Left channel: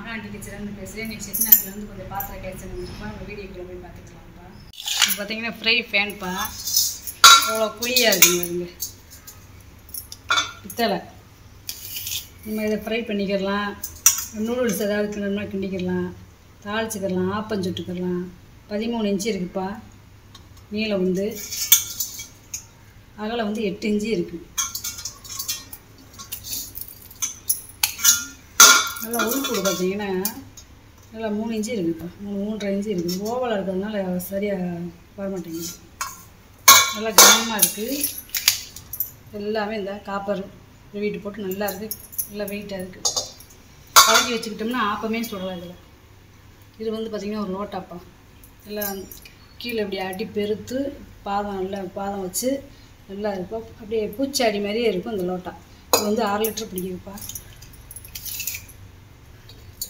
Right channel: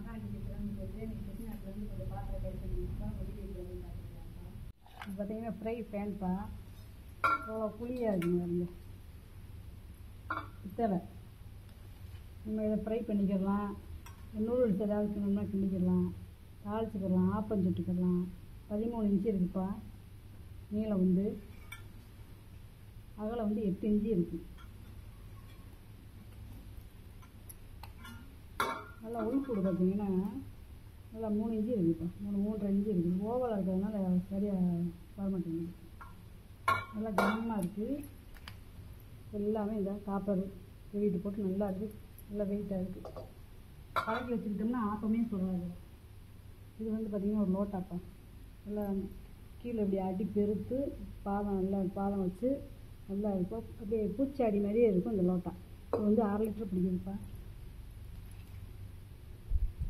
மகாண்டி கிச்சன்லேருந்து பேசுகிறேன். இன்றைக்கி செட்டிநாட்டிலேருந்து கொஞ்சம் பாத்திரம் கேட்சன் வந்துருப்பா. நம்ம வீடியோக்குள்ளே போய் பார்த்துக்கலாம்ப்பா. இப்போ பார்த்தீங்கன்னா ஃப்ரை ஃபேன்ப்பா. எவ்வளோ குழியாக இருக்குங்க அதுங்க பித்தளை. நம்ம இதை ஃப்ரை பண்ணிக்கிடலாம். நூடுல்ஸ் ஏதாவது கிண்டோம்னா கிண்டிக்கிடலாம், தாளிச்சிக்கிடலாம், ஆப்பம் சுட்டுக்கிடலாம். 13 இன்ச்சு இருக்குதுப்பா. நீளம் வந்து அகலம் வந்து 8 இன்ச்சு இருக்குது. நல்லா உள்கூடு பார்த்தீங்கன்னா நல்லா 3 இன்ச்சு இருக்குதுப்பா. 3.5 இன்ச்சு இருக்குது. ஓவலாக இருக்கிறதுனால சரியாக வரமாட்டேங்குது. நல்லா கனமாக இருக்குது. எல்லாமே இந்த காப்பர் வீட்டு போட்டு நல்லா இருக்குது. நல்லா வெயிட்டாக இருக்குது. பழக்கி வச்சுக்கிட்டோம்னா ஆப்பமே சுடலாம். இது வந்து பார்த்திங்கன்னா ஒரு லோட்டாப்பா. எல்லாம் கீழே இப்படி அடி பெருத்து பாதம் நல்லா பாதம் வச்சு நல்லா இருக்கும். அப்படியே பூச்சாடி மாதிரியே இருக்கும் இந்த லோட்டா. இது வந்து 6 லிட்டர் பிடிக்குதுப்பா.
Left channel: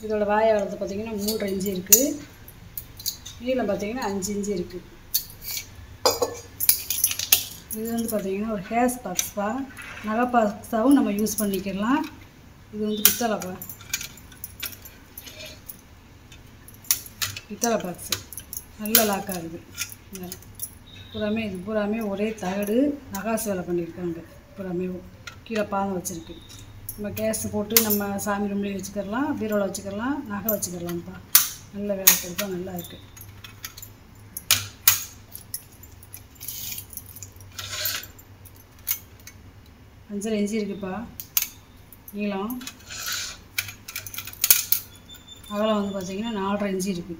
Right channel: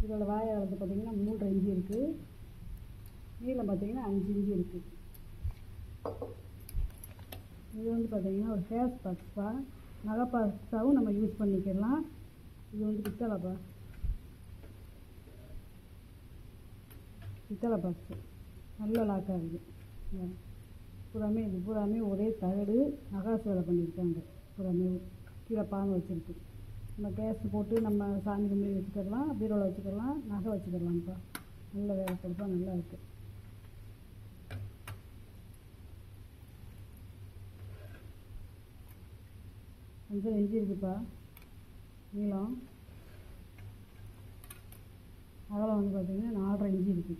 இதோட வாயை வளர்த்து பார்த்திங்கன்னா 3.5 இன்ச்சு இருக்குது. நீளம் பார்த்திங்கன்னா 5 இன்ச்சு இருக்குது. இது வந்து பார்த்திங்கன்னா ஒரு ஹேஸ் பாக்ஸ்ப்பா. நகை பாக்ஸாகவும் நம்ம யூஸ் பண்ணிக்கலாம். இது வந்து பித்தளைப்பா. பித்தளை பாக்ஸு நல்ல லாக் ஆகுது. பூராமே இது பூராமே ஒரே தகடு நகாசு வேலை பண்ணியிருக்காங்க. பூராமே கீழே பாதம் வச்சுருக்கு. நம்ம கேஸ் போட்டு நம்ம சாமி ரூம்லேயும் வச்சுக்கிடலாம், பீரோவில் வச்சுக்கிடலாம், நகை வச்சுக்கிடலாம்ப்பா. நல்ல வேலை கொடுத்தா நல்லா இருக்குது. அஞ்சரை இன்ச்சு இருக்குதுப்பா நீளம். அகலம் வந்து பார்த்திங்கன்னா 4.5 இன்ச்சு இருக்குது.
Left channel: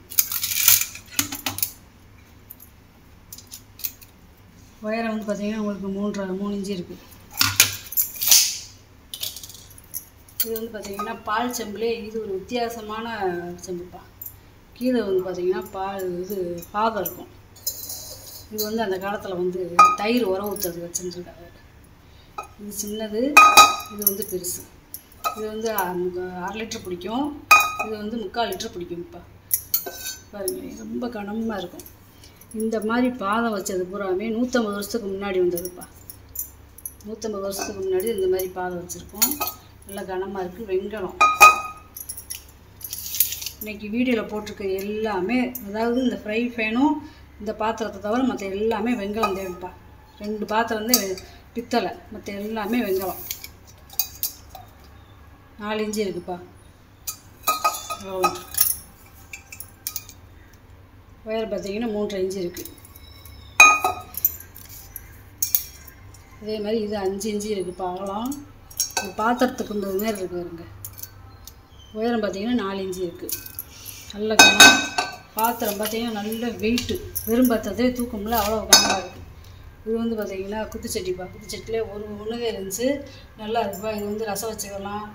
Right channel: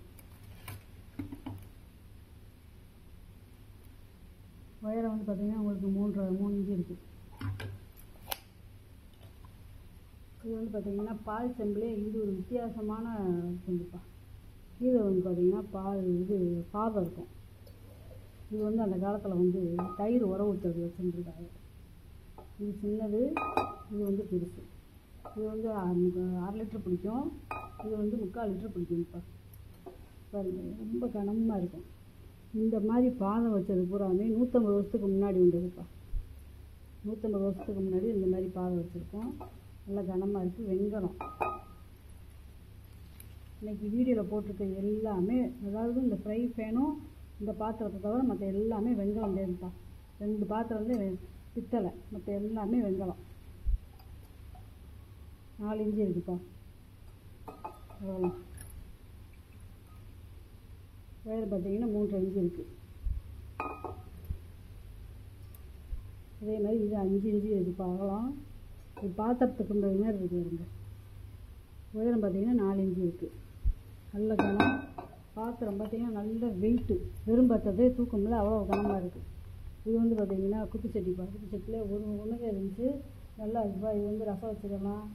உயரம் வந்து பார்த்திங்கன்னா உங்களுக்கு 3 இன்ச்சு இருக்குது. இது வந்து பார்த்திங்கன்னா பால் செம்புலே இது ஒரு வித்தியாசமான செம்புப்பா. கீழே வந்து பார்த்திங்கன்னா பாதம் இருக்கும். இது வந்து அந்த காலத்தில் வந்து தயிர் உர ஊற்றுறது வச்சுருக்காங்க. இது சின்னது, இது வந்து பெருசு. இது வந்து 6 லிட்டர் பிடிக்கும். இது வந்து 3/4 லிட்டர் பிடிக்கும்ப்பா. பாருங்கள் ரொம்ப கனமாக இருக்கும். இந்த மாதிரி பாதம் வச்சது பூராமே 150 வருஷத்துக்கு முன்னாடி வந்ததுப்பா. 150 வருஷத்துக்கு முன்னாடி இந்த மாதிரி பாதம் வச்சுருக்கோம். நல்லா கனமாக இருக்குது. வெங்கலம் இன்றைக்கி வீடியோவில் போட்டிருக்க எல்லாமே, அதாவது இந்த ஃப்ரை ஃபேனும் இந்த பாத்திரத்தை தவிர மற்ற எல்லாமே வெங்கலம் தேவைப்பா. 2 பாத்திரம் வந்து பித்தளை, மற்ற எல்லாமே வெங்கலம். 4 இன்ச்சு இருக்குதுப்பா. உயரம் பார்த்தீங்கன்னா 3.5 இன்ச்சு இருக்குது. அதே மாதிரி இது 5 இன்ச்சு இருக்குதுப்பா. அகலம் ஒரு பாத்திரத்துக்கு இந்த மாதிரி இருக்குது வருங்க. உயரம் பார்த்திங்கன்னா 4 இன்ச்சு இருக்குது. நல்ல கனம். பாத்திரம் பார்த்திங்கன்னா நல்ல வெயிட்டு. வெறும் பாத்திரத்தே தூக்கமில்ல, அவ்வளோ கனமாக இருக்குது. இது வந்து பார்த்திங்கன்னா குத்துச்சட்டிப்பா. குத்துச்சட்டிலே ஒன்று இருந்துச்சு. நல்லா இருக்குப்பா. இது வந்து ரசம் வச்சுக்கலாம்,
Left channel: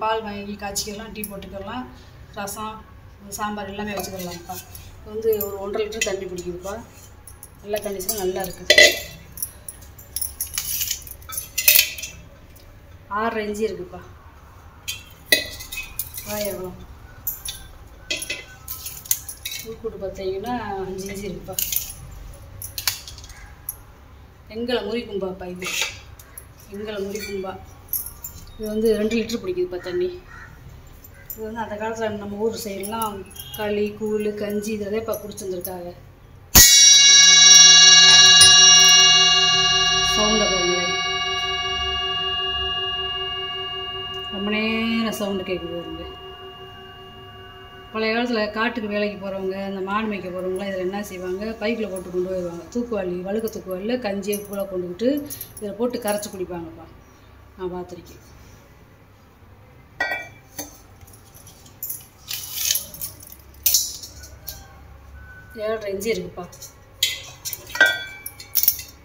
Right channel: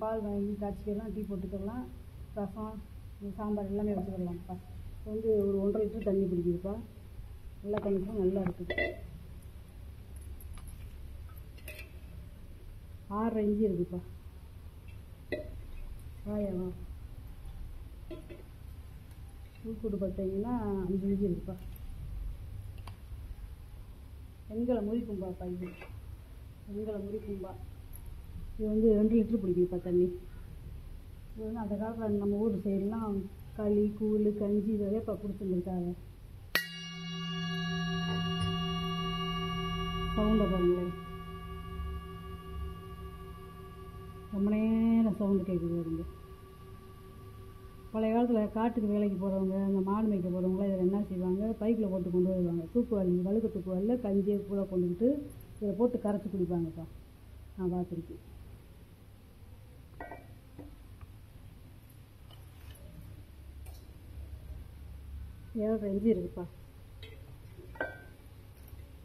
பால் வாங்கி காய்ச்சிக்கலாம், டீ போட்டுக்கலாம், ரசம் சாம்பார் எல்லாமே வச்சுக்கலாம்ப்பா. இது வந்து ஒரு 1.5 லிட்டர் தண்ணி பிடிக்குதுப்பா. நல்ல கண்டிஷன் நல்லா இருக்குது. 6.5 இன்ச்சு இருக்குதுப்பா. வாய் எவ்வளோ உள்கூடு பார்த்தீங்கன்னா 5 இன்ச்சு இருக்குதுப்பா. எங்களை முறிக்கும்பாப்பா. இது எங்களை முறிக்கும்பா. இது வந்து 2 லிட்டர் பிடிக்குதுப்பா தண்ணி. இது வந்து அந்த காலத்தில் நம்ம ஊர் சைடெலாம் களி, கூழ், கஞ்சி இதே இப்போ குடிச்சிருந்துருக்காங்க. சவுண்டை பாருங்களேன், ரொம்ப நேரம் சவுண்டு கேட்குது வருங்க. பழைய காலத்தில் காட்டுக்கு வேலைக்கு போகிறவங்க, அந்த மாடு மேய்க்க போகிறவங்களாம் இதில் என்ன செய்வாங்க, பைக்கில் போட்டு கொண்டு போயிடுவாங்க. தூக்குவாளி, வழுக்க தூக்குவாளியில் கஞ்சியை கூழை கொண்டுக்கிட்டு இதில் போட்டு கரைச்சி குடிப்பாங்கப்பா. நான் பார்த்துருக்கேன். ஏழரை இன்ச்சு இருக்குதுப்பா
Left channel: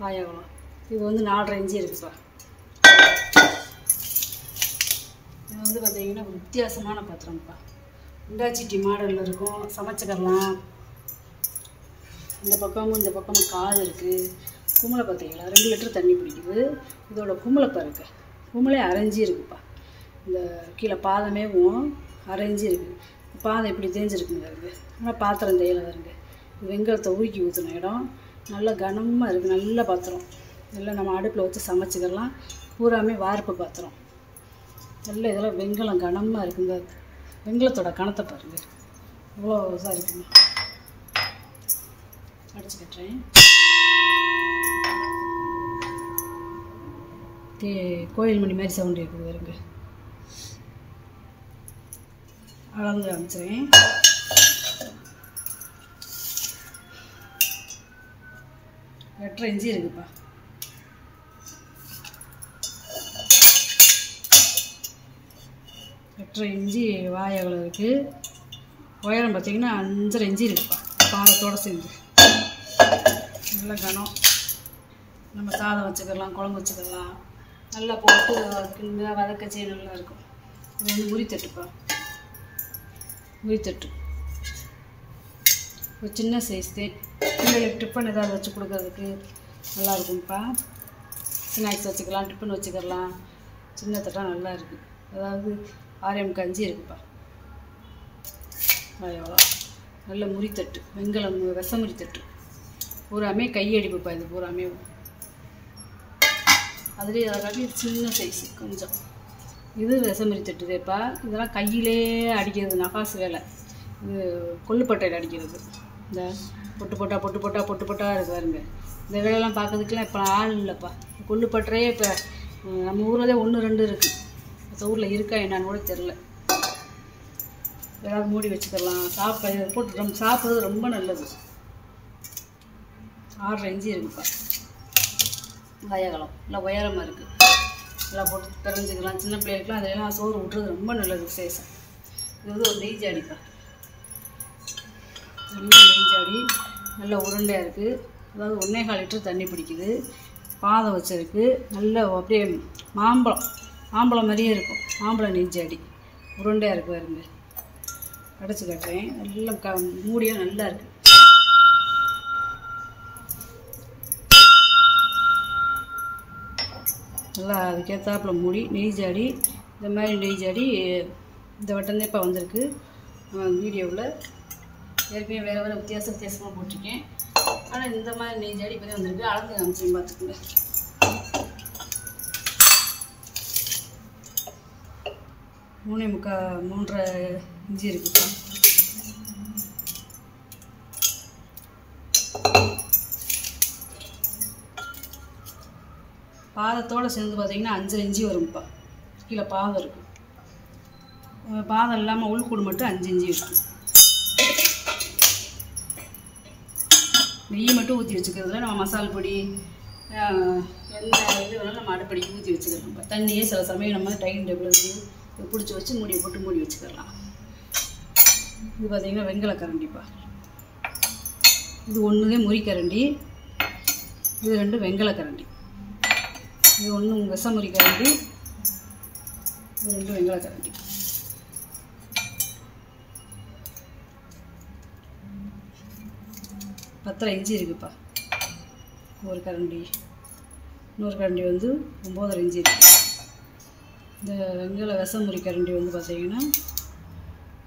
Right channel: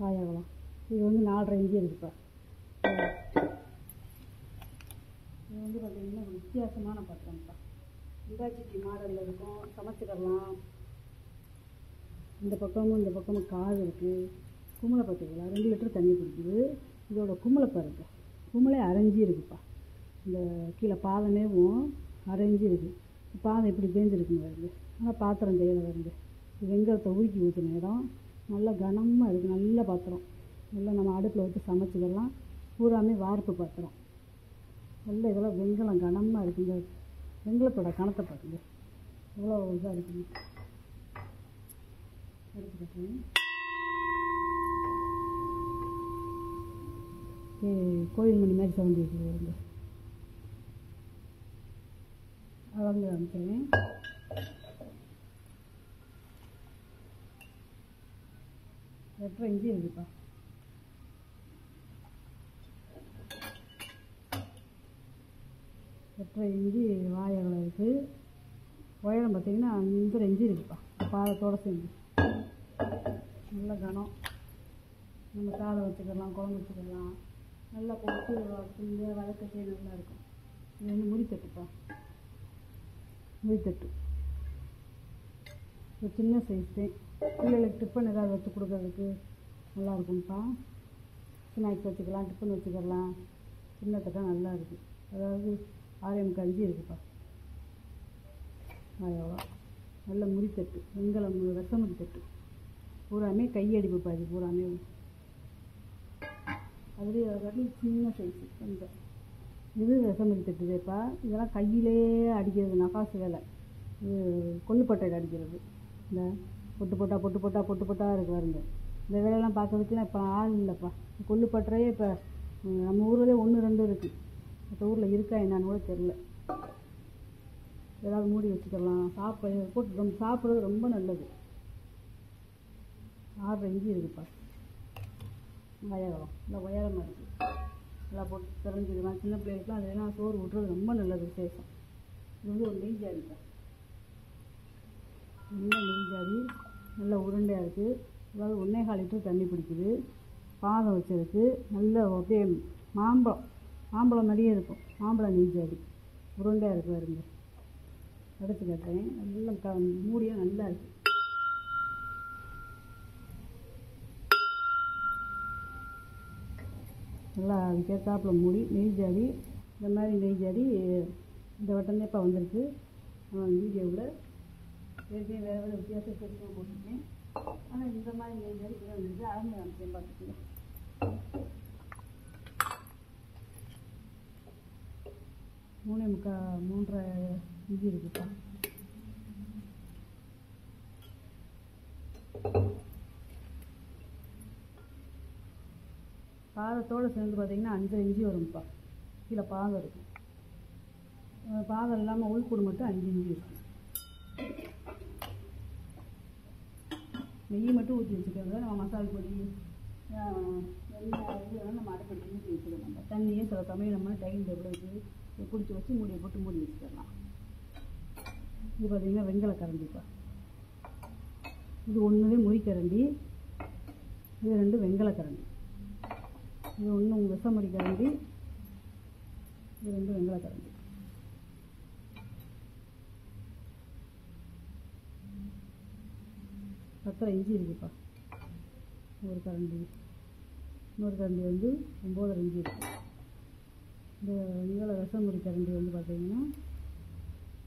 வாயகலம். இது வந்து 4.5 இன்ச்சு இருக்குதுப்பா. இது வந்து பார்த்திங்கன்னா ஒரு வித்தியாசமான பாத்திரம்ப்பா. இண்டாச்சிட்டி மாடலில் இருக்கும். சமைச்சிக்கலாம். இந்த பக்கமும் காது இருக்குது. கும்பலை பார்த்தீங்களா 2 லிட்டர் தண்ணி பிடிக்குது. இதோட கும்பலை பாருங்க, கும்பலே 1/2 இன்ச்சு இருக்குதுப்பா. இந்த கீழே பாதமேவும் 1/2 இன்ச்சு இருக்குது. பாதம் எப்படி தேஞ்சிருக்குங்க வருங்க. ஆனால் பாத்திரம் தேயிலை வருங்க. இது வெங்கலத்தை ஊக்கி ஊற்றின இடம். நல்லா கனமாக இருக்குது. நல்ல பாத்திரம். நல்லா நம்ம அடுப்பில் வச்சு சமைச்சிக்கலாம். பூராமே வார்ப்பு பாத்திரம். நல்ல இதெல்லாம் வெங்கலம் கனமாக இருக்குங்க. வெங்கலத்தோட கணத்தை பாருங்கள் இவ்வளோ இதாக இருக்குங்க. அடிச்சு கட்டுறேன். கோயில் மணி மாதிரி சவுண்டு இருக்குது வருங்க. அளந்து அமைச்சிறேன். வெட்டரை இஞ்சி இருக்குப்பா. வெட்டரை இஞ்சி வாய் அகலம் இருக்குது. உயரம் பார்த்திங்கன்னா 5.5 இன்ச்சு இருக்குப்பா. பாதத்தோடு சேர்ந்து நல்ல கனம். நம்ம சாதம் வச்சுக்கலாம், குழம்பு வச்சுக்கலாம். நல்லா போட்டு வதக்கச்சே நல்லா இருக்கும். இது வந்து முறித்தட்டுப்பா. முறித்தட்டு ஒரு சின்ன சைஸ் தான். பிள்ளைகளுக்கு டிஃபன் ஏதாவது வச்சு கொடுக்கறதுக்கு நல்லாயிருக்கும்ப்பா. ஸ்நாக்ஸ் வச்சுக்கலாம், டிஃபன் வச்சுக்கலாம். சின்ன தட்டாக நல்லா இருக்குது. அதாவது 6 இன்ச்சு இருக்குப்பா. எவ்வளோ நல்ல முறித்தட்டு, வெங்கலம் விஷமுறித்தட்டு. பூராமே கையடிப்புப்பா. இது பூராமே அதுலேயே அதை காட்டி சின்ன சைஸு கொஞ்சம். இது விஷமுறித்தட்டுதேப்பா. இதெல்லாம் கையிலே அடிக்கிறது, நகாசு வேலை. இது கொள்ளுப்பட்டையில் அடிக்கிறது. இந்த பொட்டு பொட்டாக இருக்கு பாருங்க. இந்த வேலையெல்லாம் பார்க்கறதுக்கெலாம் இப்போ ஆள் இல்லைப்பா. கொள்ளுப்பட்டையே இப்போ நம்ம ஊரில் தான் 1, 2 இருக்குது. மற்ற ஊரில் இருக்கா என்னான்னு கூட தெரில. ஏதாவது மூடி வச்சுக்கலாம். போட்டு சாப்பிட்றது ரொம்ப நல்லது. 6.5 இன்ச்சு இருக்குப்பா. வயகலம் நல்லா உயரமாக இருக்குது. நல்லா போட்டு பிறஞ்சிக்கலாம். சின்ன பிள்ளைகளுக்குலாம் அதெல்லாம் சோறு விட்டுறது ரொம்ப நல்லது, விசேஷம். இது வந்து ஒரு நெய் ஜாடிப்பா. நல்ல நெய் ஜாடி, நல்ல உருண்டையாக இருக்குது. அதாவது 1.25 லிட்டர் தண்ணி பிடிக்குது. பாதம் வச்சிருக்கு. நல்ல அப்படியே மாம்பழம் மாதிரியே இருக்கும். மாம்பழம் நெய் ஜாடி உருண்டையாக இருக்குது பாருங்க. அடைச்சி கட்டுறேன். நல்லா மூடியாக நல்லா இருக்குது. நல்லா அதுக்கேற்றாப்புல மூடி. நெய் ஜாடி இந்த மாதிரி நெய் ஜாடி இந்த வட்டந்தே இப்போ வந்திருக்கு. வீடியோவில் ஏற்கனவே வேறு வித்தியாசமாக போட்டிருக்கேன். ஆனால் இந்த மாதிரி நெய் ஜாடி இப்போ தான் வந்திருக்கு. அளந்து காமிச்சேன் பார்த்துக்கோங்க. மூணே 3.5 இன்ச்சு இருக்குப்பா. பாதத்தோடு சேர்ந்து பார்த்திங்கன்னா 5.5 இன்ச்சு வரும்ப்பா. கீழே பாதம் இருக்குது. பாதம் இல்லாமல் உள்கூடு மட்டும் 5 இன்ச்சு இருக்குது. நெய் மட்டும் ஊற்றி வச்சுக்கிறதுல நம்ம மசால் பொடி என்ன இது வேணாலும் நம்ம அடுப்படிக்கு ஊற்றி வச்சுக்கலாம். தண்ணியே சில சமயம் நம்ம டைனிங் டேபிளுக்கு பிடிச்சி வச்சு மூடியை போட்டு மூடி வச்சுக்கலாம். இது பார்த்திங்கன்னா வெங்கல கரண்டிப்பா. இது 1 முறிக்கரண்டி, இது 2 வெங்கல கரண்டி. இது 1 விஷமுறி கரண்டி, இது 2 வெங்கல கரண்டி. பத்தரை இன்ச்சு இருக்குப்பா ஒரு கரண்டி. இன்னொரு கரண்டி வந்து 9.5 இன்ச்சு இருக்குது. இந்த வெங்கல விஷமுறி கரண்டி வந்து பார்த்திங்கன்னா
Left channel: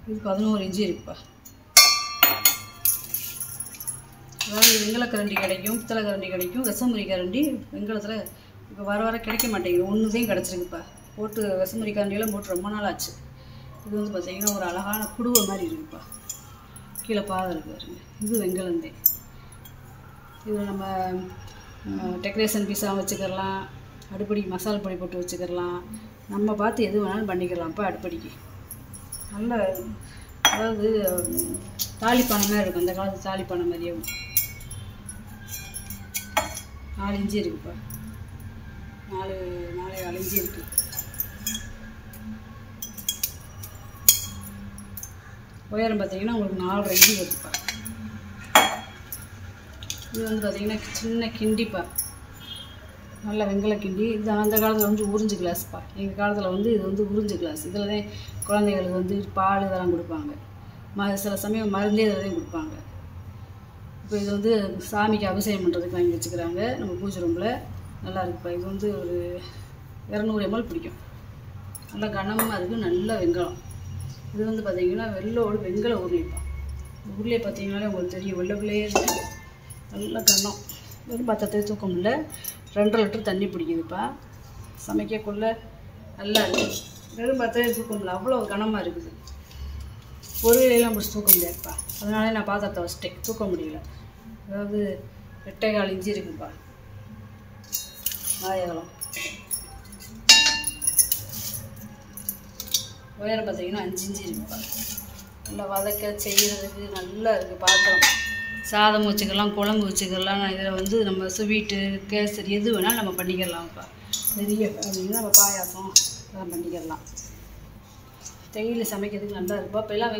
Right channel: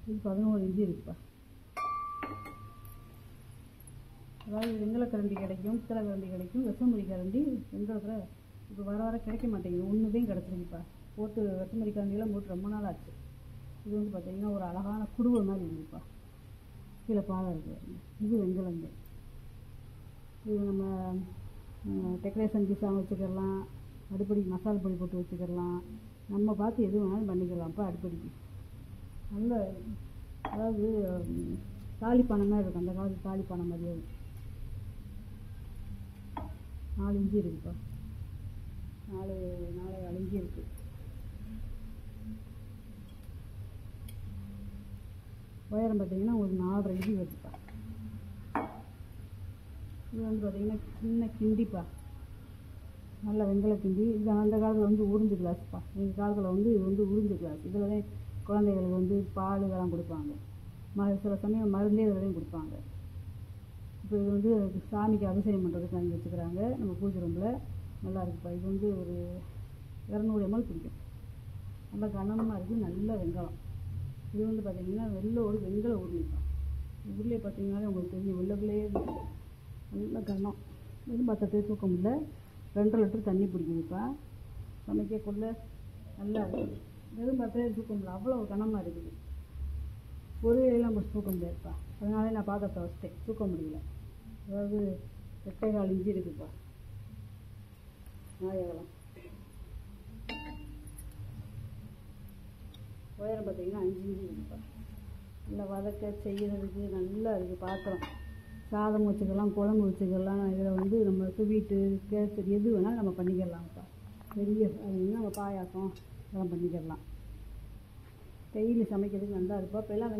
இது 11 இன்ச்சு இருக்குப்பா. அதாவது வெங்கல கரண்டி கிடைக்கும், பித்தளை கரண்டி கிடைக்கும். விஷமுறி கரண்டி வெங்கலத்தில் இப்போ வர கிடைக்க மாட்டேங்குது. 1 தான் கிடச்சிருக்குப்பா. போட்டு விஷமுறி கரண்டியெல்லாம் போட்டு ரொம்ப நாள் ஆச்சு. இது வந்து பார்த்திங்கன்னா ஒரு அழகான குடுவை மாதிரி இருக்குப்பா. கீழே பாதம் இருக்குது பாருங்க. இது வெங்கலந்தே. இது நம்ம டெக்கரேஷன் பீஸாக வச்சுக்கலாம். அடுப்படிக்கு மசாலா பொடி போட்டு வச்சுக்கலாம். நம்ம பார்த்து எது வேணாலும் பண்ணிக்கலாம்ப்பா. அடுப்படிக்கு நல்ல அதாவது தாலிப்பானை மாதிரி இருக்கும். அந்த காலத்து தாலிப்பானை மாதிரியே 4 இன்ச்சு இருக்குப்பா. 4.25 இன்ச்சு இருக்குது. உயரம் பார்த்திங்கன்னா உங்களுக்கு 4.5 இன்ச்சு வருதுப்பா. இது வந்து பார்த்திங்கன்னா சின்ன கிண்டிப்பா. நல்ல வெங்கல கிண்டி. இது அந்த காலத்தில் வந்து உறிஞ்சு கிளாஸ்ப்பா. எங்கள் காலத்தில் வந்து இது வந்து உறிஞ்சு கிளாஸ். இதில் தான் குழந்தைகளுக்கு வந்து பால் இதெல்லாம் கொடுப்பாங்க. சில சமயம் மருந்தே இதில் தான் கொடுப்பாங்க. இப்போ இது வந்து சாமிக்கு அபிஷேகம் பண்ணுறதுக்கு வாங்கி வச்சுக்கிறாங்க நம்ம பூஜை ரூமில். நல்லா இருக்குப்பா. இது வந்து ஒரு 200 ml பிடிக்கும். நல்லா கனமாக இருக்குது. நல்ல வெங்கலம். இது வந்து பார்த்திங்கன்னா வெங்கல உருளைப்பா. உருளையை பார்த்திங்கனாலே உங்களுக்கு தெரியும். வெள்ளைக்குள்ளேயே இருக்குது. நல்ல கனம். வெறும் பாத்திரத்தை தூக்க முடியல. 2.5 லிட்டர் தண்ணி பிடிக்குதுப்பா. சமைக்கக்குள்ள நல்லா இருக்குது. வெறும் பாத்திரத்தை தூக்க முடியல. அவ்வளோ கனமாக இருக்குது. ஒரு இலையெல்லாம் பிடிச்சி தூக்க முடியாதுப்பா. அதனால நான் பாத்திரத்தை வச்சுட்டேன், தூக்க முடியல. அதாவது 8.25 இன்ச்சு இருக்குதுப்பா வாயகலம். உயரம் பார்த்தீங்கன்னா 5 இன்ச்சு இருக்குதுப்பா. நல்லா வதக்க செய்கிறதுக்கு நல்லா இருக்குது பாத்திரம். சாதம் வச்சுக்கலாம், குழம்பு வச்சுக்கலாம். இதில் வந்து நம்ம ஸ்வீட்டு, கேசரி எது வேணாலும் நம்ம பண்ணிக்கிறலாம்ப்பா. பெரிய அப்படின்னா நம்ம பாயாசம் இதெல்லாம் பண்ணிக்கிறலாம். டெய்லி சமைக்கிறதுக்கு நல்லா இருக்குப்பா. இப்போல்லாம்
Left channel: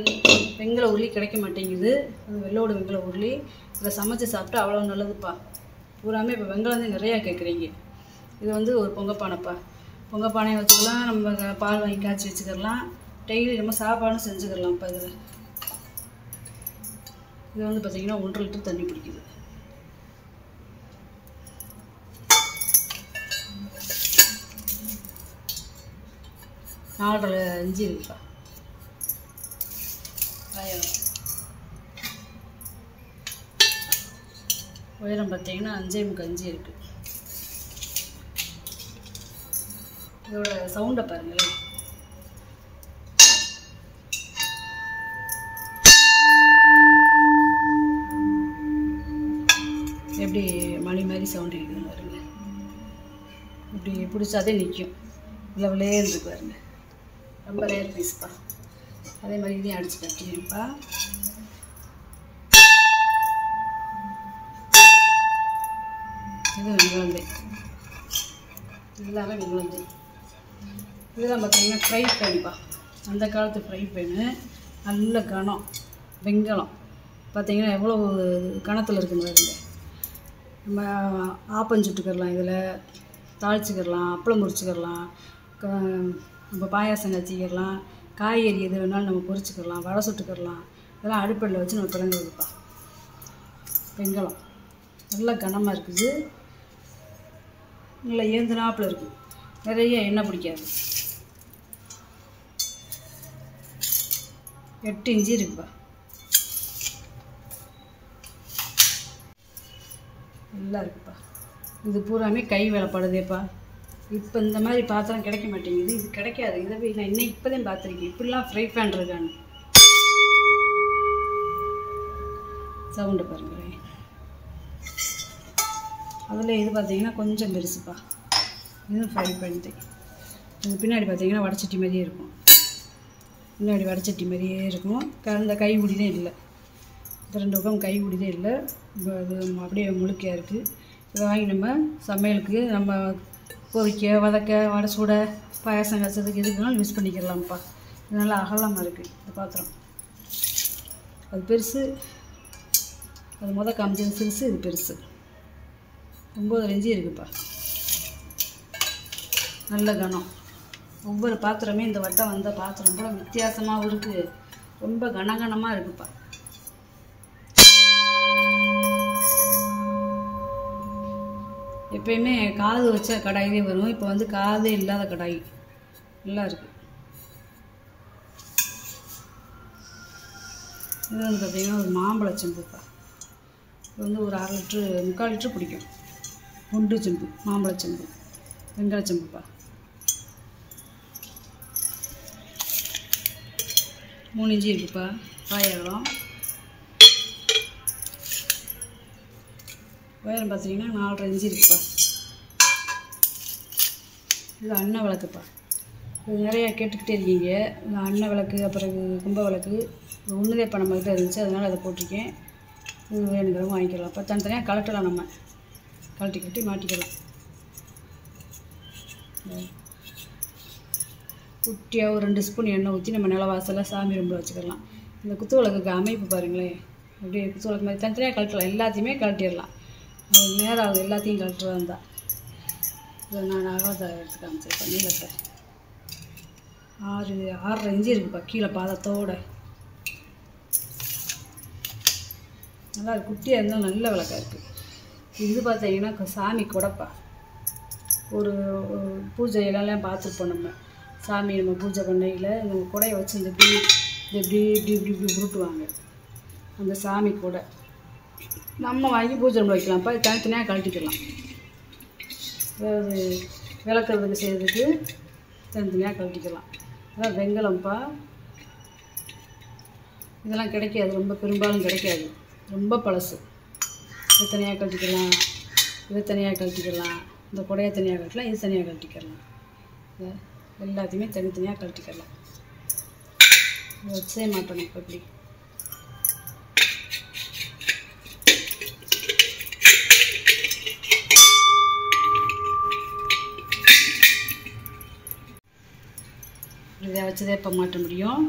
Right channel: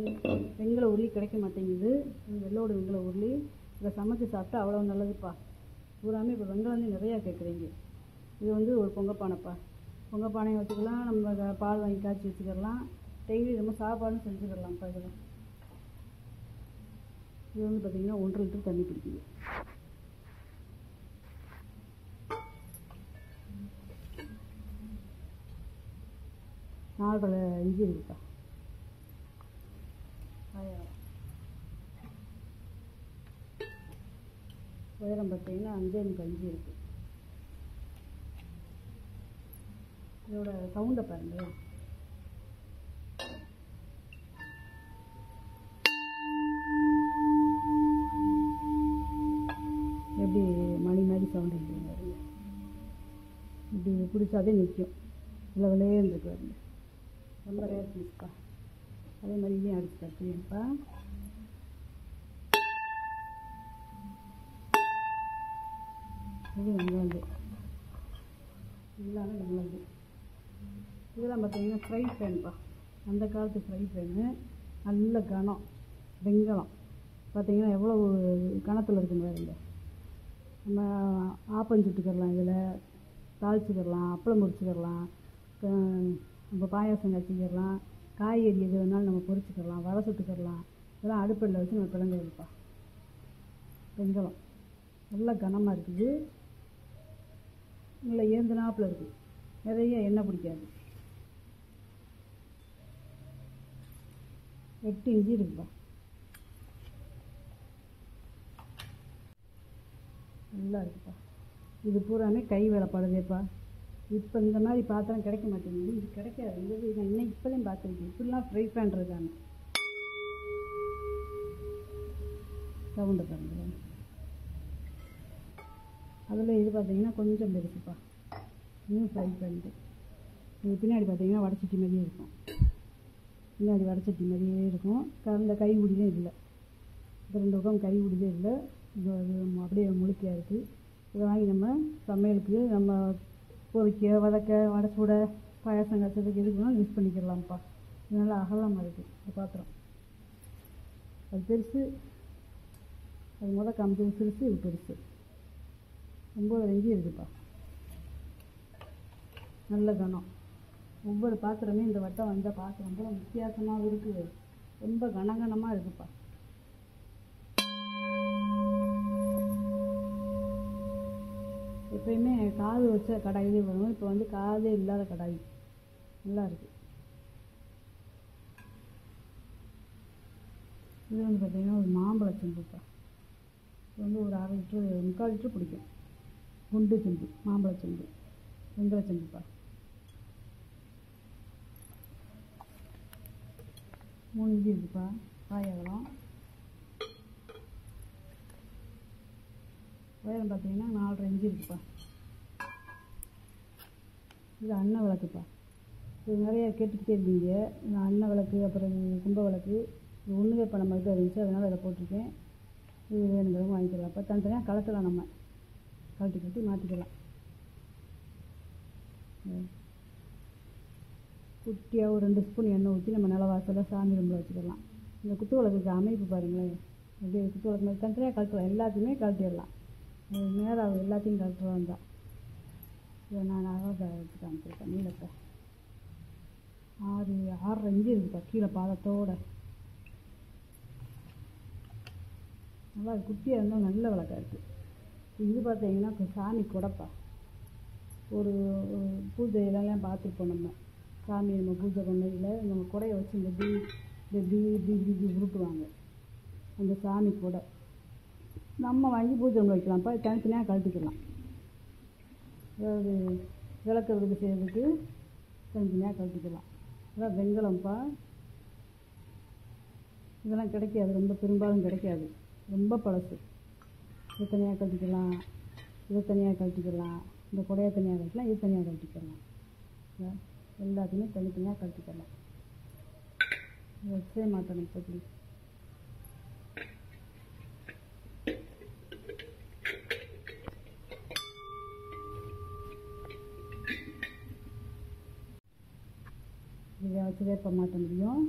வெங்கல உருளி கிடைக்க மாட்டேங்குது. அது வெள்ளோடு வெங்கல உருளி இதில் சமைச்சு சாப்பிட்டா அவ்வளோ நல்லதுப்பா. பூராமே இப்போ வெங்கலம் தான் நிறையா கேட்குறீங்க. இது வந்து ஒரு பொங்கப்பானைப்பா. பொங்கப்பானையை வச்சுக்கலாம், நம்ம பால் வாங்கி காய்ச்சி வச்சுக்கலாம், டெய்லி நம்ம சாப்பாடும் செஞ்சுக்கலாம்ப்பா. இதில் இது வந்து பார்த்திங்கன்னா 1.5 லிட்டர் தண்ணி பிடிக்குது. நாலரை இன்ச்சு இருக்குப்பா. உயரம் பார்த்தீங்கன்னா 5.25 இன்ச்சு இருக்குது. இதோட சவுண்டை பாருங்களேன். எப்படி மணி மாதிரி சவுண்டு இருக்குதுன்னு பாருங்க. இப்படி பிடிச்சாதே நிற்கும். இவ்வளோ விளையேன்னு இருக்கு பாருங்க. ரொம்ப ரேர் பீஸ்ப்பா. அதே மாதிரி இதையும் அடித்து கட்டிடுப்பா. இது வெங்குழந்தை, எல்லாமே வெங்குழந்தை. இதெல்லாம் பார்த்தீங்கன்னா ஃப்ரை பேன்ப்பா. அந்த காலத்து ஃப்ரை பேனு, நல்ல கனம் வெங்கலம். பார்த்தீங்கன்னா எவ்வளோ கணத்தில் இருக்குன்னு பாருங்க. நம்ம ஆப்பம் சுட்டுக்கிறலாம், இதில் தாளிச்சிக்கிறலாம், அப்பளம் முறிச்சிக்கிறலாம், நம்ம பாயாசம் காய்ச்சிக்கிறலாம், காய்கறி எது வேணாலும் நம்ம பொரிச்சிக்கிறலாம், வடை சுட்டுக்கிறலாம். இதெல்லாம் அடுப்படியில் வச்சு நம்ம பிறங்குறதுப்பா. வெங்கலம் நல்லா கனமாக இருக்குது, நல்லா ஏந்துனாப்பில் இருக்குது, நிறைய எண்ணெய் பிடிக்காது. 8 இன்ச்சு இருக்குப்பா. நல்லா இருக்குப்பா. இது பூராமே கை வேலைப்படுதேப்பா. இப்போ இந்த மாதிரி பாத்திரம் கிடைக்க மாட்டேங்குது. இது கிடைக்காது. இதை நான் இன்னும் இப்போ தான் பார்த்துருக்கேன் இப்படிலாம் ஃப்ரை பேன் இருக்கான்னு. சவுண்டு பாருங்களேன். அதில் இது பார்த்தீங்கன்னா கொஞ்சம் பெருசுப்பா. இதுவும் ஃப்ரை பேன் தான். இது பின்னாடி பார்த்தீங்கன்னா வடைச்சட்டி மாதிரியே இருக்கும். பின்னாடி வடைச்சட்டி மாதிரியே இருக்கும். இந்த கை உடிதே இல்லை. இந்த 2 பக்கம் கை உடிதே இல்லை. அது அப்படியே முழுக்கையாக இருக்குது. இதை வாங்கி நம்ம சமையலுக்கு நம்ம பொரிக்க, வதக்க, வடை சுட, பாயாசம் காய்ச்சதுக்கு எதுக்குனாலும் யூஸ் பண்ணிக்கிறலாம்ப்பா. இது நல்லா அகலமாக இருக்குது இந்த பாத்திரம். அது பெருசு, அது காமிச்சது சிறுசு, இது பெருசு. 9.5 இன்ச்சு இருக்குப்பா. நல்ல கனம். ஒவ்வொரு பாத்திரமே இந்த வட்டம் வந்த பாத்திரம் கூட வித்தியாசமாகவும் இருக்குது, ரொம்ப கனகனமாக இருக்குப்பா. எப்பயுமே காது வச்ச கடாயிலே வரும். இப்போ வந்து காதே இல்லாத கடாய் நல்லா இருக்குது. இது வந்து பார்த்திங்கன்னா ஒரு மாம்பழ செம்புப்பா. இது வந்து ஒரு 1/2 லிட்ரு 3/4 லிட்ரு பிடிக்கும். குண்டு செம்பு, மாம்பழ செம்பு, வெங்கல செம்புப்பா. 3 இன்ச்சு இருக்குப்பா. பாயகலம். உயரம் பார்த்தீங்கன்னா 4.5 இன்ச்சு இருக்குப்பா. இது அன்ன விளக்குப்பா. இது நிறையா கேட்டுக்கிட்டே இருக்கீங்க. இந்த அன்ன விளக்கு, அப்புறம் கும்ப விளக்கு, இது ஒன்றுதே இப்போ நம்மகிட்ட இருந்துச்சு, அதனால் அதை போட்டிருக்கேன். இது வேணுங்கிறவங்க வாங்கிக்கலாம். இப்போ தனித்தனியாக கலட்டலாம், நம்ம கட்டி மாட்டிக்கலாம். குட்டியாக ஒரு 2 ஸ்பூன் எண்ணெய் ஊற்றி நம்ம நிலவாசலில் சாமி ரூமில் வச்சுக்கலாம். இந்த குத்து விளக்குக்கு அமைப்பு பாருங்களேன். அப்படியே குத்து விளக்கு மாதிரி தனித்தனியாக கலட்டலாம். எல்லாத்தையுமே கலட்டிடலாம். நேரம் ஆகுது எல்லாத்தையும் கலட்டுறதா இருந்தால். இதை நான் அகலத்தை எடுத்து காமிச்சிருப்பேன். நீளத்தை 6.5 இன்ச்சு இருக்குப்பா. கீழே பாதத்தோடு நல்லா குட்டியாக இருந்தால் நல்ல விளக்காக இருக்குது. இது பார்த்தீங்கன்னா சாமி கொடைப்பா. ஒரு பூஜையிலலாம் பார்த்துருப்போம் நம்ம. சாமி நம்ம பூஜை பண்ணையில் இந்த கொடையை வச்சு இந்த இப்படி உருட்டுவாங்க. அந்த சாமி கொடை நம்ம வாங்கி பூஜை ரூமில் வைக்கலாம்ப்பா. தனித்தனியாக கழட்டிக்கலாம். அதாவது விளக்குறதுக்கு செய்கிறதுக்கு தனித்தனியாக கழட்டிக்கலாம். அதான் வெங்கலம்ப்பா. இதெல்லாம் கிடைக்காது, ரொம்ப பெரும்பாலும் கிடைக்காது, ரொம்ப பழசு. இது தனியாக கழட்டிக்கலாம், இது தனியாக கழட்டிக்கலாம், இந்த குடையை தனியாக கழட்டலாம், இது தனியாக கழட்டிக்கலாம். எல்லாத்தையுமே தனித்தனியாக கழட்டிக்கலாம். வச்சே மாட்டோம் இப்போ இப்படி. இதை வச்சதே இப்போ மாட்ட முடியும்.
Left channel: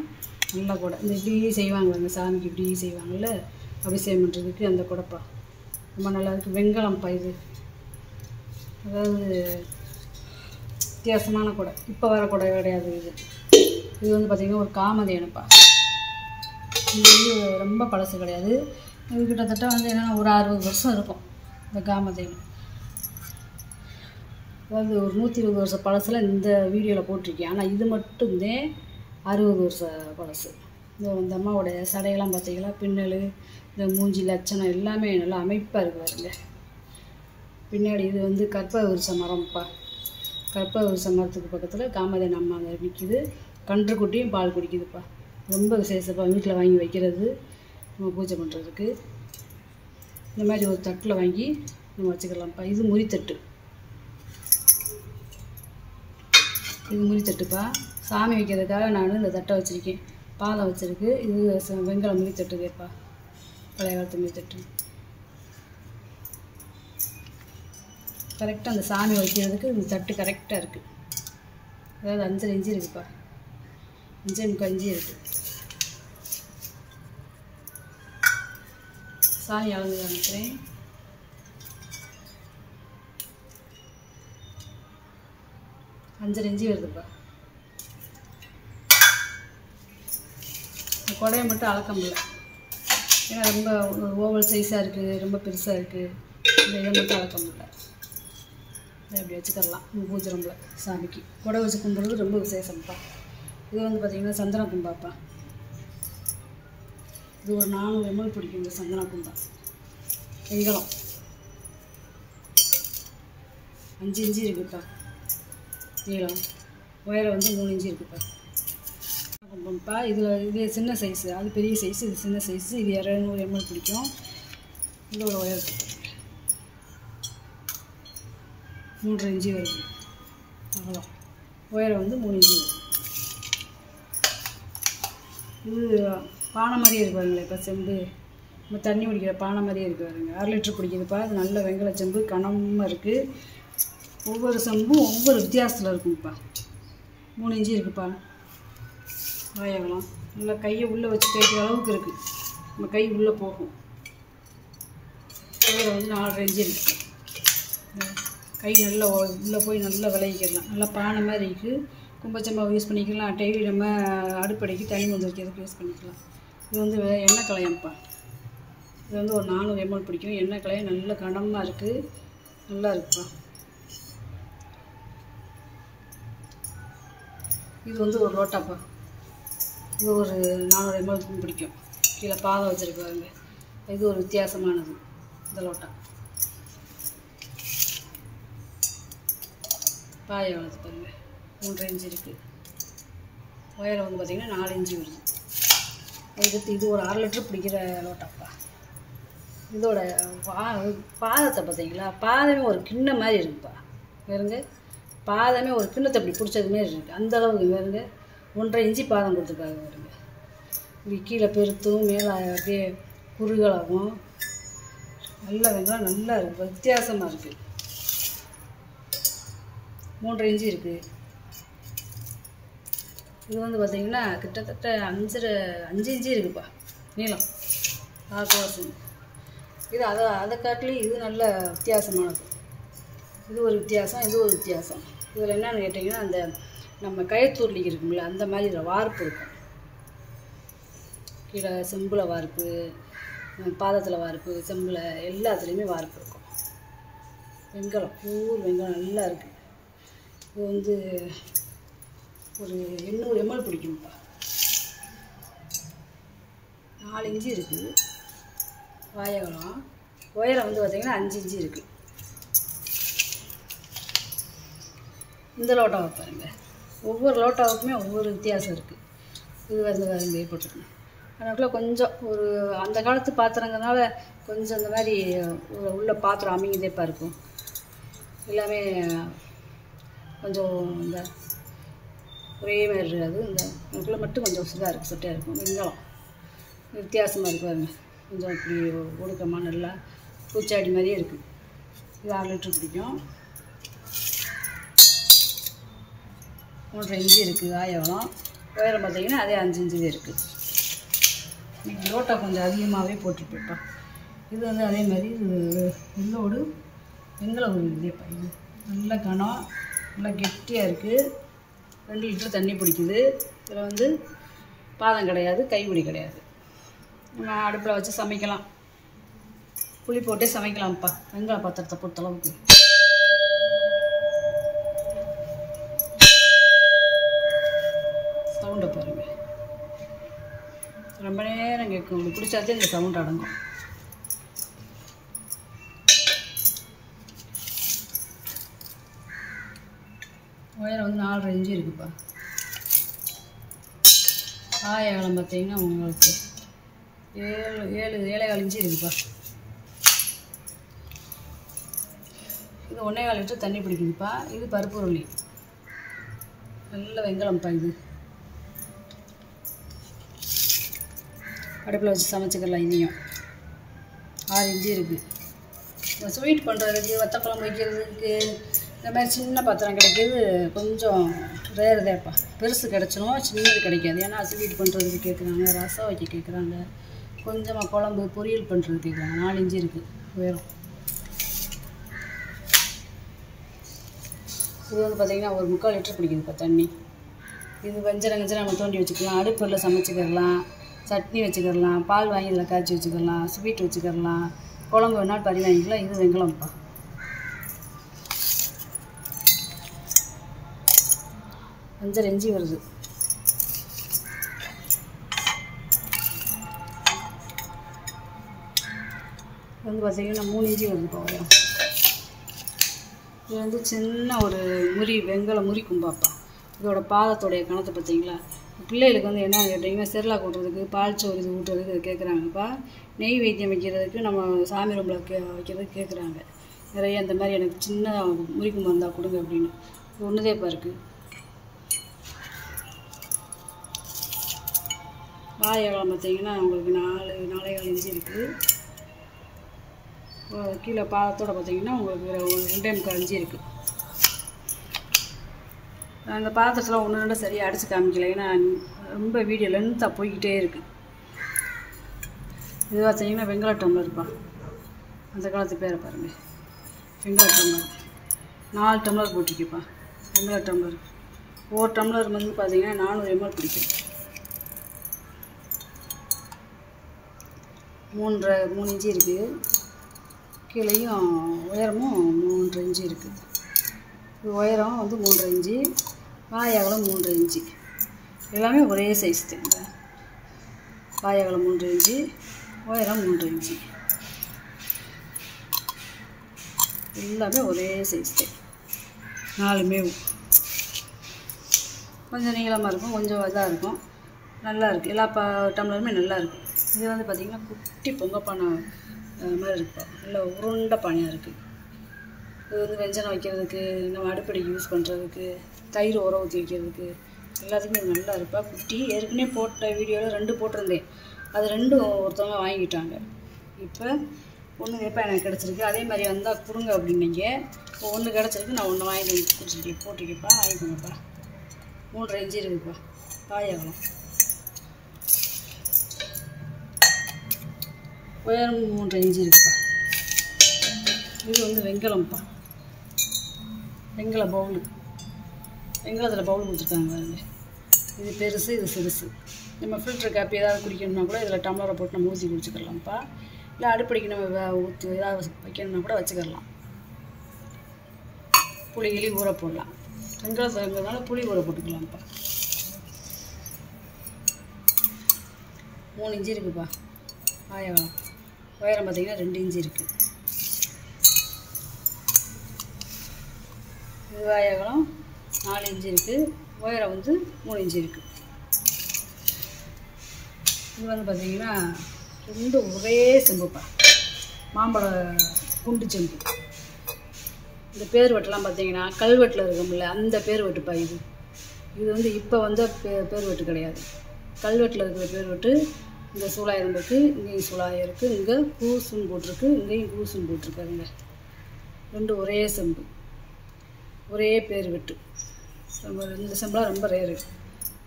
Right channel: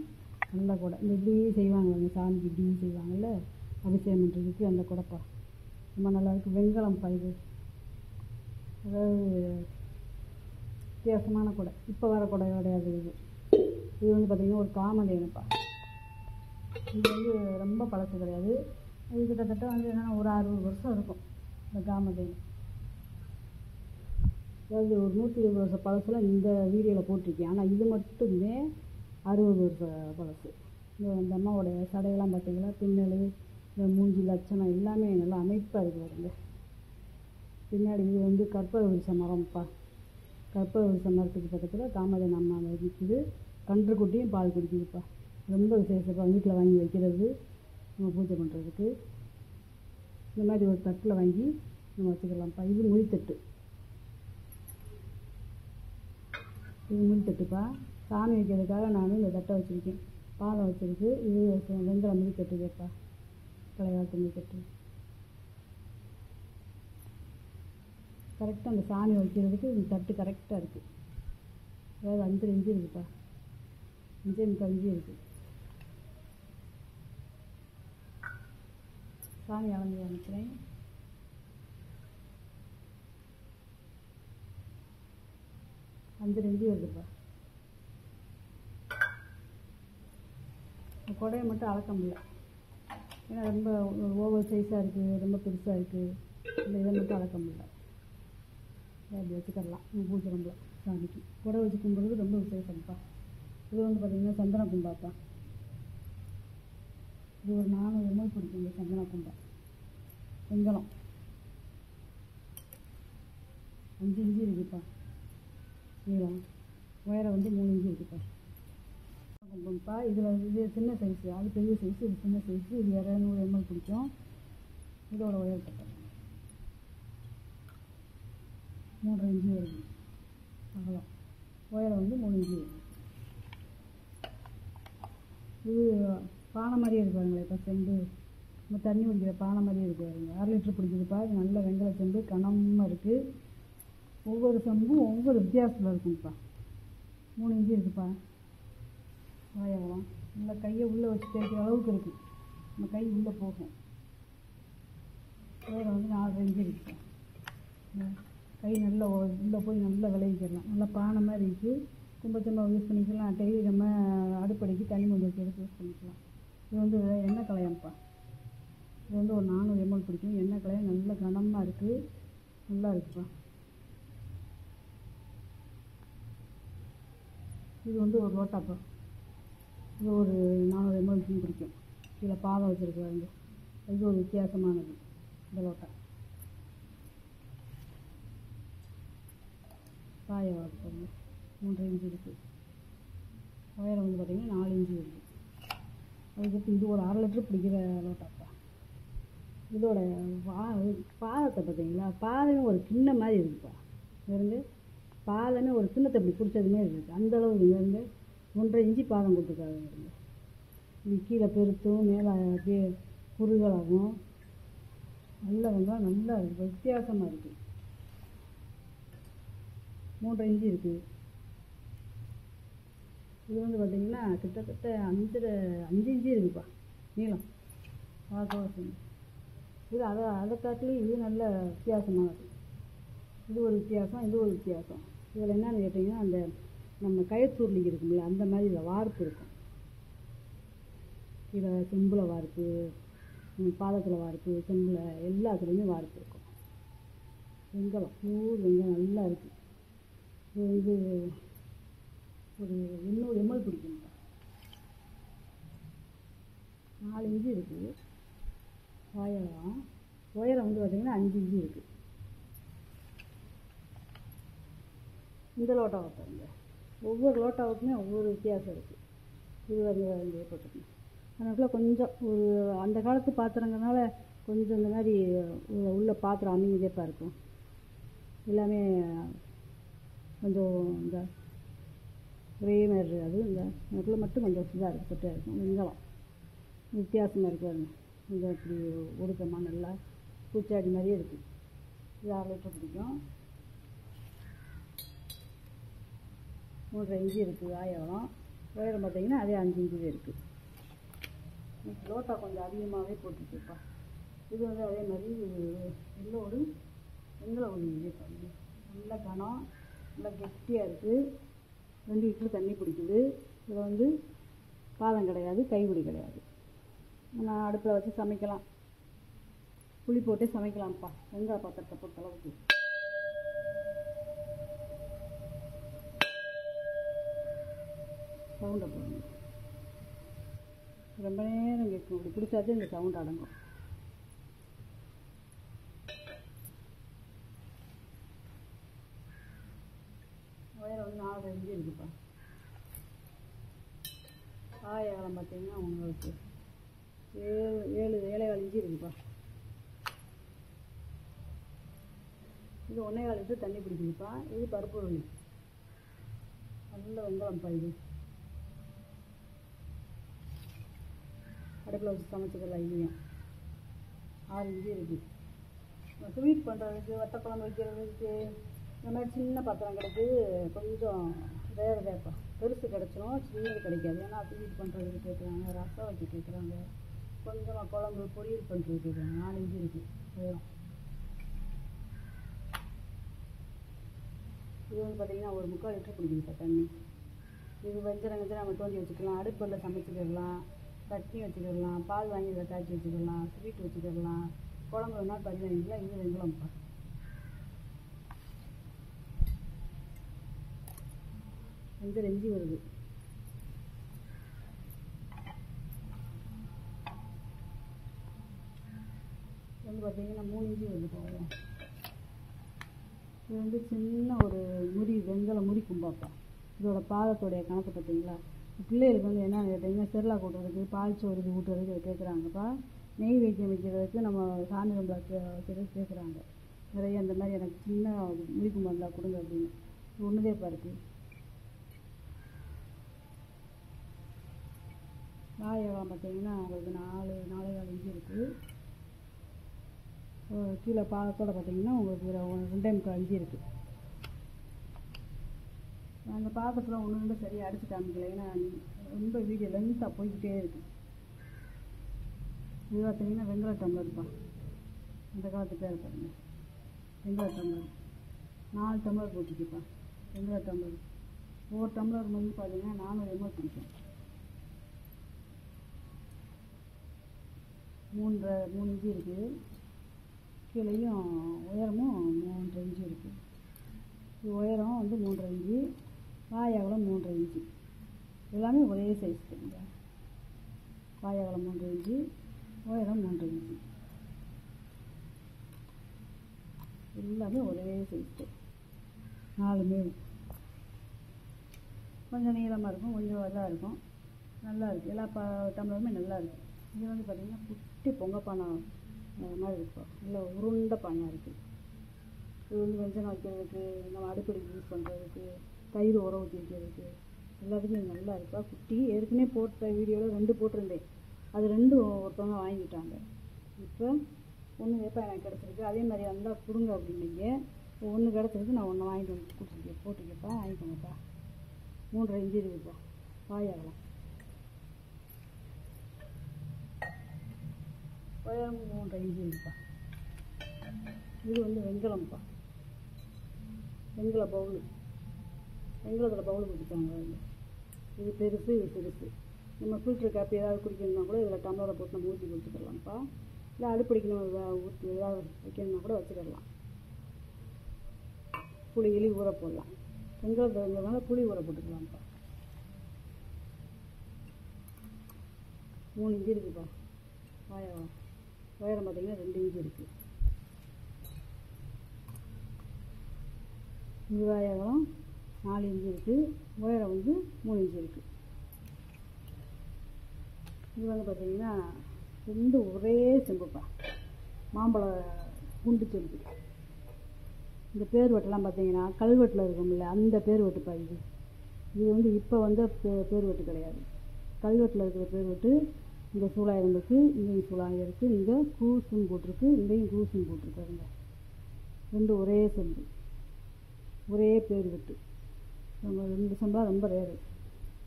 நல்லா கூட இந்த இப்படி செய்வாங்க, அந்த சாமிக்கு இப்படி செய்வாங்கள்ல அபிஷேகம் பண்ணுறதுக்கு, அந்த கூடப்பா ரொம்ப நல்லா இருக்குது. வெண்கலம்ப்பா இது, அதாவது வித்தியாசமான கூடை, இப்போ வர கூடை கிடையாது இது. இது வந்து பார்த்திங்கன்னா ஒரு காமதேனுப்பா. இது வந்து ரொம்ப பழசு கிடையாது. இது கிட்டத்தட்ட வந்து என்னென்னா ஒரு 60 வருஷம் இருக்கும் இந்த காமதேனு. அதாவது ஒரு 120 வருஷம் பழசில் இந்த வீடியோவில் போட்டிருக்கேன். ஆனால் இது மட்டும்தே 60 வருஷம் பழசு. இந்த அம்மாவோடைய சடையெல்லாம் பார்த்தீங்களா, பின்னல், இந்த மூஞ்சி லட்சணம் எல்லாமே நல்லா அமைப்பாக இருக்குது பாருங்க. பின்னாடி இது வந்து கற்பக மரம்ப்பா. கற்பக மரத்துக்கு பக்கத்தில் காமதேனு அம்மா நிற்கிது. கன்றுக்குட்டியும் பால் குடிக்குதுப்பா. ரொம்ப விசேஷப்பா, வீட்டில் வாங்கி வைக்கிறது, நம்ம பூஜை பண்ணுறதுக்கு. இந்த மாதிரி ஒரு தட்டில் வாங்கி நம்ம வச்சுக்கலாம்ப்பா. இது முறித்தட்டு, இது முறித்தட்டுப்பா. சாமி வைக்கிறதுக்காக நான் இந்த தட்டை வச்சுருக்கேன். பாலம் வச்சுருக்கு. இது வெண்கல முறித்தட்டுதேப்பா, பழைய காலத்து முறித்தட்டு. கரெக்டாக அந்த சாமி வைக்கிறதுக்கு இந்த தட்டு கரெக்டாக இருக்குது. அதாவது 5 இன்ச்சு இருக்குதுப்பா, 5 முக்கால் இன்ச்சு இருக்குது. சாமி அளந்து காமிக்கிறேன். அஞ்சரை இன்ச்சு வருதுப்பா. இந்த கொடையை மட்டும் அளக்க முடியல, ஏன்னா ரொம்ப ஓவல் சைஸாக இருக்குது, ரொம்ப பெருசாக இருக்குது. இந்த இதை மட்டும் அளக்க முடியல. இதை அப்படி வச்சுக்கலாம் பூஜை ரூமில். சாமிக்கு கொடை வச்சு கும்பிட்றது ரொம்ப விசேஷம்ப்பா. இது வந்து பார்த்திங்கன்னா சந்தன கும்பாப்பா. இது ஒரு 400 ml பிடிக்கும் இந்த சந்தன கும்பா. வெண்கலம் 5 இன்ச்சு இருக்குதுப்பா நீளம். உயரம் வந்து 3 இன்ச்சு இருக்குதுப்பா. கும்பம்ப்பா. இது சின்ன சைஸு, அது பெரிய சைஸு, இது சின்ன சைஸு. இது 200 ml பிடிக்கும். இதோட உயரத்துக்கு 3 இன்ச்சு வருது அவ்வளோ. உயரம் வந்து 3 இன்ச்சு வருது. இது பானை மாதிரியே இருக்கு பாருங்களேன். இப்போ செம்பு நம்ம தண்ணி குடிக்கிற பானை மாதிரியே இருக்குது பாருங்க. 1/2 லிட்டர் பிடிக்குதுப்பா. அது நல்ல வெங்கல செம்பு, கனமாக இருக்குது. ஒவ்வொரு செம்பும் ஒவ்வொரு வித்தியாசத்தில் இருக்குங்கப்பா. 3 இன்ச்சு இருக்குதுப்பா. வாயகலாம் நல்லா கையை உள்ளே வச்சு தேய்க்கிற அளவுக்கு இருக்குது. நம்ம கை உள்ளே போகும். உயரம் வந்து 4.5 இன்ச்சு இருக்குது. கை நல்லா உள்ளே போய் நல்லா விளைவிக்கலாம். நல்லா பானை மாதிரி இருக்குது. கும்பச்சம்பாவை யூஸ் பண்ணிக்கலாம். நம்ம அடுப்படைக்கு தண்ணி வந்து வைக்கிறதுக்கு யூஸ் பண்ணிக்கலாம். இது வந்து எண்ணெய் களையம்ப்பா. இது வந்து ஒரு 400 ml பிடிக்கும். எண்ணெய் களையம் நல்ல கனமாக இருக்குது, நல்லா இருக்குப்பா. இது வந்து ஒரு லோட்டாப்பா. இது ஒரு 400 ml பிடிக்கும். கீழே பாதை வச்சுருக்காங்க. இது ஒரு வித்தியாசமானது இந்த லோட்டா. பாயை வளர்த்து பாருங்கள். 3.5 இன்ச்சு இருக்குது. உயரம் வந்து பார்த்திங்கன்னா 4 இன்ச்சு வருது. அதுக்கு இது ஒரு 1/2 லிட்டர் பிடிக்கிற லோட்டாப்பா. இதோட பாதத்தை பார்த்தீங்களா, பாதமே ஒரு கிண்ண மாதிரி இருக்குப்பா. வேறுங்க பாதமே ஒரு கிண்ணத்தை அப்படி பிடிச்சது மாரி இருக்குது. அந்தளவுக்கு வேறுங்க 1.5 இன்ச்சு பாதம் கொடுத்துருக்காங்க. வருங்க இப்படி கீழே பெருத்தும் மேலே அப்படியே குறுகலாகவும் நல்ல வெங்காயம் நல்லா இருக்குது. வித்தியாசமாக இருக்குது. 3.5 இன்ச்சு இருக்குது. இது வந்து பார்த்திங்கன்னா கிட்டத்தட்ட 5 இன்ச்சு இருக்குதுப்பா நீளம். ஆக்குவாசம் இது அதை காட்டிலையும் இது நல்ல வித்தியாசமானது. இது ஒரு வித்தியாசம், இது ஒரு வித்தியாசம். இதில் என்னென்னு கேட்டிங்கன்னா, அந்த நம்ம கயத்தூர்லி இருக்கும்ல, அந்த மாதிரி இதில் வார்ப்பு இருக்கும். கீழே செம்பில் வார்ப்பு, பாதத்தில் வார்ப்பு, செம்பில் எல்லாத்துலேயுமே வார்ப்பு இருக்கும். வெங்கலம் பூர் வெங்கலம் நல்லா இருக்குது. இது வந்து ஒரு 800 ml பிடிக்கும்ப்பா. 4 இன்ச்சு இருக்குது வாயகலம். உயரம் வந்து பார்த்திங்கன்னா 5 இன்ச்சு இருக்குது. இந்த லோட்டாவை பாருங்க, ஒவ்வொரு லோட்டாவுக்குமே ஒவ்வொரு வித்தியாசம் இருக்குது. இது வந்து வேறு போட்டுருக்கணும். அதுக்குள்ளே கொஞ்சம் ஒரு அந்த காலத்து பாத்திரங்கிறதுனால கொஞ்சம் இந்த மாதிரி உள்ள பாத்திரம் அமைங்கதேப்பா இருக்கும். எல்லாமே கொஞ்சம் இந்த ஒரே மாதிரி இருக்காது. இந்த அதுக்குள்ளே மட்டும் கொஞ்சம் இதாக இருக்குது, சொட்டையாக இருக்கும். வெங்காயம் வித்தியாசமாக இருக்குது பாருங்க, கொஞ்சம் இப்படி ஒடுக்கமாக நல்லா பூச்சாடி மாதிரியே இருக்குது. இது 6 லிட்டர் பிடிக்கும். 3.5 இன்ச்சு இருக்குது ஆயவளம். உயரம் பார்த்தீங்கன்னா அதே 5 இன்ச்சு இருக்குது. இன்றைக்கி லோட்டா கொஞ்சம் அதிகமாகவே போட்டுருப்பேப்பா. இது வந்து அதே மாதிரி இது உள்ளோடு வெங்கல ஒரு இதேப்பா. இது நல்ல கனம், நல்லா கெட்டியாக இருக்குது. 2 லிட்டர் தண்ணி பிடிக்குது. இதில் வந்து பாதம் கிடையாது, கைப்பிடி கிடையாது. நம்ம அடுப்பில் வச்சு சமைக்கலாம், புளி போட்டே சமைக்கலாம்ப்பா வெங்காய பாத்திரத்தை பொறுத்தளவுக்கு. சவுண்டை பாருங்கள், ரொம்ப நேரம் கேட்கும். இப்படி பிடிச்சாச்சே இந்த சவுண்ட் அடங்கும். உயரம் வந்து 4.5 இன்ச்சு இருக்குப்பா. ஆயகலம் பார்த்தீங்கன்னா உங்களுக்கு 7.25 இன்ச்சு இருக்குப்பா. இது 1.25 லிட்டர் தண்ணி பிடிக்குதுப்பா. இது பருப்பு உருளி, நல்ல வெங்கலம்ப்பா. இது அடுப்பில் வச்சு சமைச்சிக்கலாம். இதையும் 6 இன்ச்சு இருக்குது. ஸ்வீட் பண்ணுறதுக்கு, வத்தக்குழம்பு வைக்கிறதுக்கு இந்த மாதிரி சின்ன பாத்திரம் கிடைக்கிது கொஞ்சம் ரேர் தேப்பா. பெருசு கிடச்சிடும், சின்னது கிடைக்காது. ஏன்னா ஸ்வீட் பண்ணுறதுக்கு கேட்குறாங்க, ரசம் வைக்க கேட்குறாங்க, கொஞ்சமாக குழம்பு பொரியல் பண்ணுறதுக்கு கேட்குறாங்க. 4 இன்ச்சு இருக்குது உயரம். இது வந்து பார்த்திங்கன்னா ஒரு 3/4 லிட்டர் பிடிக்குதுப்பா தண்ணி. இது வஞ்சரம் நம்ம தோண்டி வச்சுக்கலாம், அடுப்பில் சமைச்சிக்கிடலாம், சட்னி வச்சுக்கிடலாம், பால் வாங்கி இதில் காய்ச்சி வச்சுக்கிடலாம், ஸ்வீட் வச்சுக்கிடலாம், குழம்பு வேணாலும் பறி வாங்கிக்கலாம். இது வெங்கலம்ப்பா. 5.5 இன்ச்சு வருது. வந்து பார்த்திங்கன்னா 3 இன்ச்சு வருதுப்பா உயரம். இது வந்து சின்ன ஒரு வெங்கல முறி கும்பாப்பா. இதோட பாதத்தோடைய கணத்தை பார்த்தீங்களா? பிள்ளைகளுக்கு வந்து என்ன கேட்டிங்கன்னா செர்லாக் ஊட்டுறதுக்கு, பால் சோறு இது ஊட்டுறதுக்கு இது கேட்குறாங்கப்பா. நெய் வைத்தியம் வைக்கிறதுக்கு, நம்ம சாமி ரூமில் வைக்கிறதுக்கு கேட்குறாங்க நிறைய. அந்த மாதிரி எனக்கு சின்ன முறி கும்பா இருந்தால் கொடுங்க அப்படின்னு. இது ஒன்றுதேப்பா இருக்குது. வாயகலம் பார்த்தீங்கன்னா உங்களுக்கு 4.25 இன்ச்சு இருக்குது. கீழே பாதத்தோடு பார்த்தீங்கன்னா உங்களுக்கு 2.25 இன்ச்சு இருக்குது. அந்த பாத்திரத்தில் 1-2 சரியாக அடித்து காமிக்கல, ஏன்னா ரொம்ப வீடியோ லென்த்தாக போய்கிட்டே இருக்குது. இது பார்த்தீங்கன்னா வெங்கல டம்ளர்ப்பா. அந்த காலத்து பேரை பாருங்கள், வெங்கல டம்ளர். 4 டம்ளர் போட்டிருக்குப்பா வெங்கல டம்ளர். ஒரு டம்ளர் வந்து பார்த்தீங்கன்னா 400 ml பிடிக்கும். 3 இன்ச்சு இருக்குது. கீழேயும் உயரமும் 3.5 இன்ச்சு இருக்குது. இது உயரம் வந்து 3.5 இன்ச்சு, வாயகலம் 3.5 இன்ச்சு. எல்லாமே ஒரே சைஸ் தான். வாயகலம் 3.5 இன்ச்சு, உயரம் 3.5 இன்ச்சு. எல்லாமே ஒரே சைஸ் தான். 4மே கொஞ்சம் நீளமாக இருக்கும், கொஞ்சம் இதாக இருக்கும், நல்லா இருக்குது. எல்லா டம்ளருமே நல்லா இருக்கும். இது வந்து பார்த்திங்கன்னா குட்டி பொங்கப்பானை மாதிரி இருக்குப்பா. நல்ல உருண்டை பானையாக இருக்குது. இது வந்து வெஞ்சனம் வைக்கிறதுக்கு, நம்ம அடுப்படிக்கு யூஸ் பண்ணுறதுக்கு, தயிர் உர ஊற்றி வைக்கிறதுக்கு எல்லாத்துக்குமே இது நல்லா இருப்பா. குட்டி ஏற்கனவே போட்ட வீடியோவில் 2 போட்டிருந்தேன். அது 2 ஒருத்தவங்க வாங்கிட்டாங்க. இப்போ 1 எப்போ எனக்கு கிடச்சிருக்கு. அதே மாதிரி வந்தால் கொடுங்க அப்படின்னீங்க. இப்போ 1 கிடச்சிருக்கு, நான் 1 வாங்கிட்டு வந்து குடிச்சிருக்கேன். போட்டிருக்கேன்ப்பா, வாங்கிக்கோங்கப்பா. 3.5 இன்ச்சு இருக்குப்பா வாயகலம். உயரம் 3.5 இன்ச்சு இருக்குப்பா. இது வந்து வெங்கலம்ப்பா. வெங்கல பவுலு, வெங்கலத்தில் பவுல் கொடுத்துருக்காங்க பாருங்க. இது பெருசு, இது சிறுசு. நம்ம ஃபில்டர் காப்பி ஏதாவது குடிக்கணும்னா கூட இதில் டம்ளரை போட்டு நம்ம ஊற்றி குடிச்சிக்கலாம்ப்பா. இல்லை அடுப்படிக்கு நம்ம ஊற்றி ஏதாவது வைக்கணும்னா கூட வச்சுக்கிடலாம். புளி கிளி ஊற போடலாம். வெங்கலத்துனால புளி ஊற போட்டுக்கலாம்ப்பா. 3 இன்ச்சு இருக்குப்பா வாயகலம். உயரம் பார்த்திங்கன்னா 2 இன்ச்சு இருக்குது. இது வாயகலம் 4 இன்ச்சு இருக்குது. உயரம் வந்து 3 இன்ச்சு இருக்குது. இது வந்து பார்த்திங்கன்னா ரெண்டும் ஒரே செம்புப்பா, மாம்பழ குண்டு செம்பு. இந்த பேர் வெட்டெல்லாம் பார்த்தீங்கன்னா கல்வெட்டில் இருக்கும்ல அந்த பேர் வெட்டுப்பா. இது வந்து இப்போ வந்த பேர் வெட்டு கிடையாது. கல்வெட்டில் இருக்கிற பேர் வெட்டு. இங்கே சூளாயிரம் இருக்குது, இங்கேயும் சூளாயிரம் இருக்குது, இங்கே பூசுன்னு போட்டிருக்கு, இங்கேயும் பூசுன்னு போட்டிருக்காருங்க. ரெண்டும் ஒரே செம்பு, ஒரே பேர் வெட்டு. இந்த செம்பெலாம் ரொம்ப ரேரு.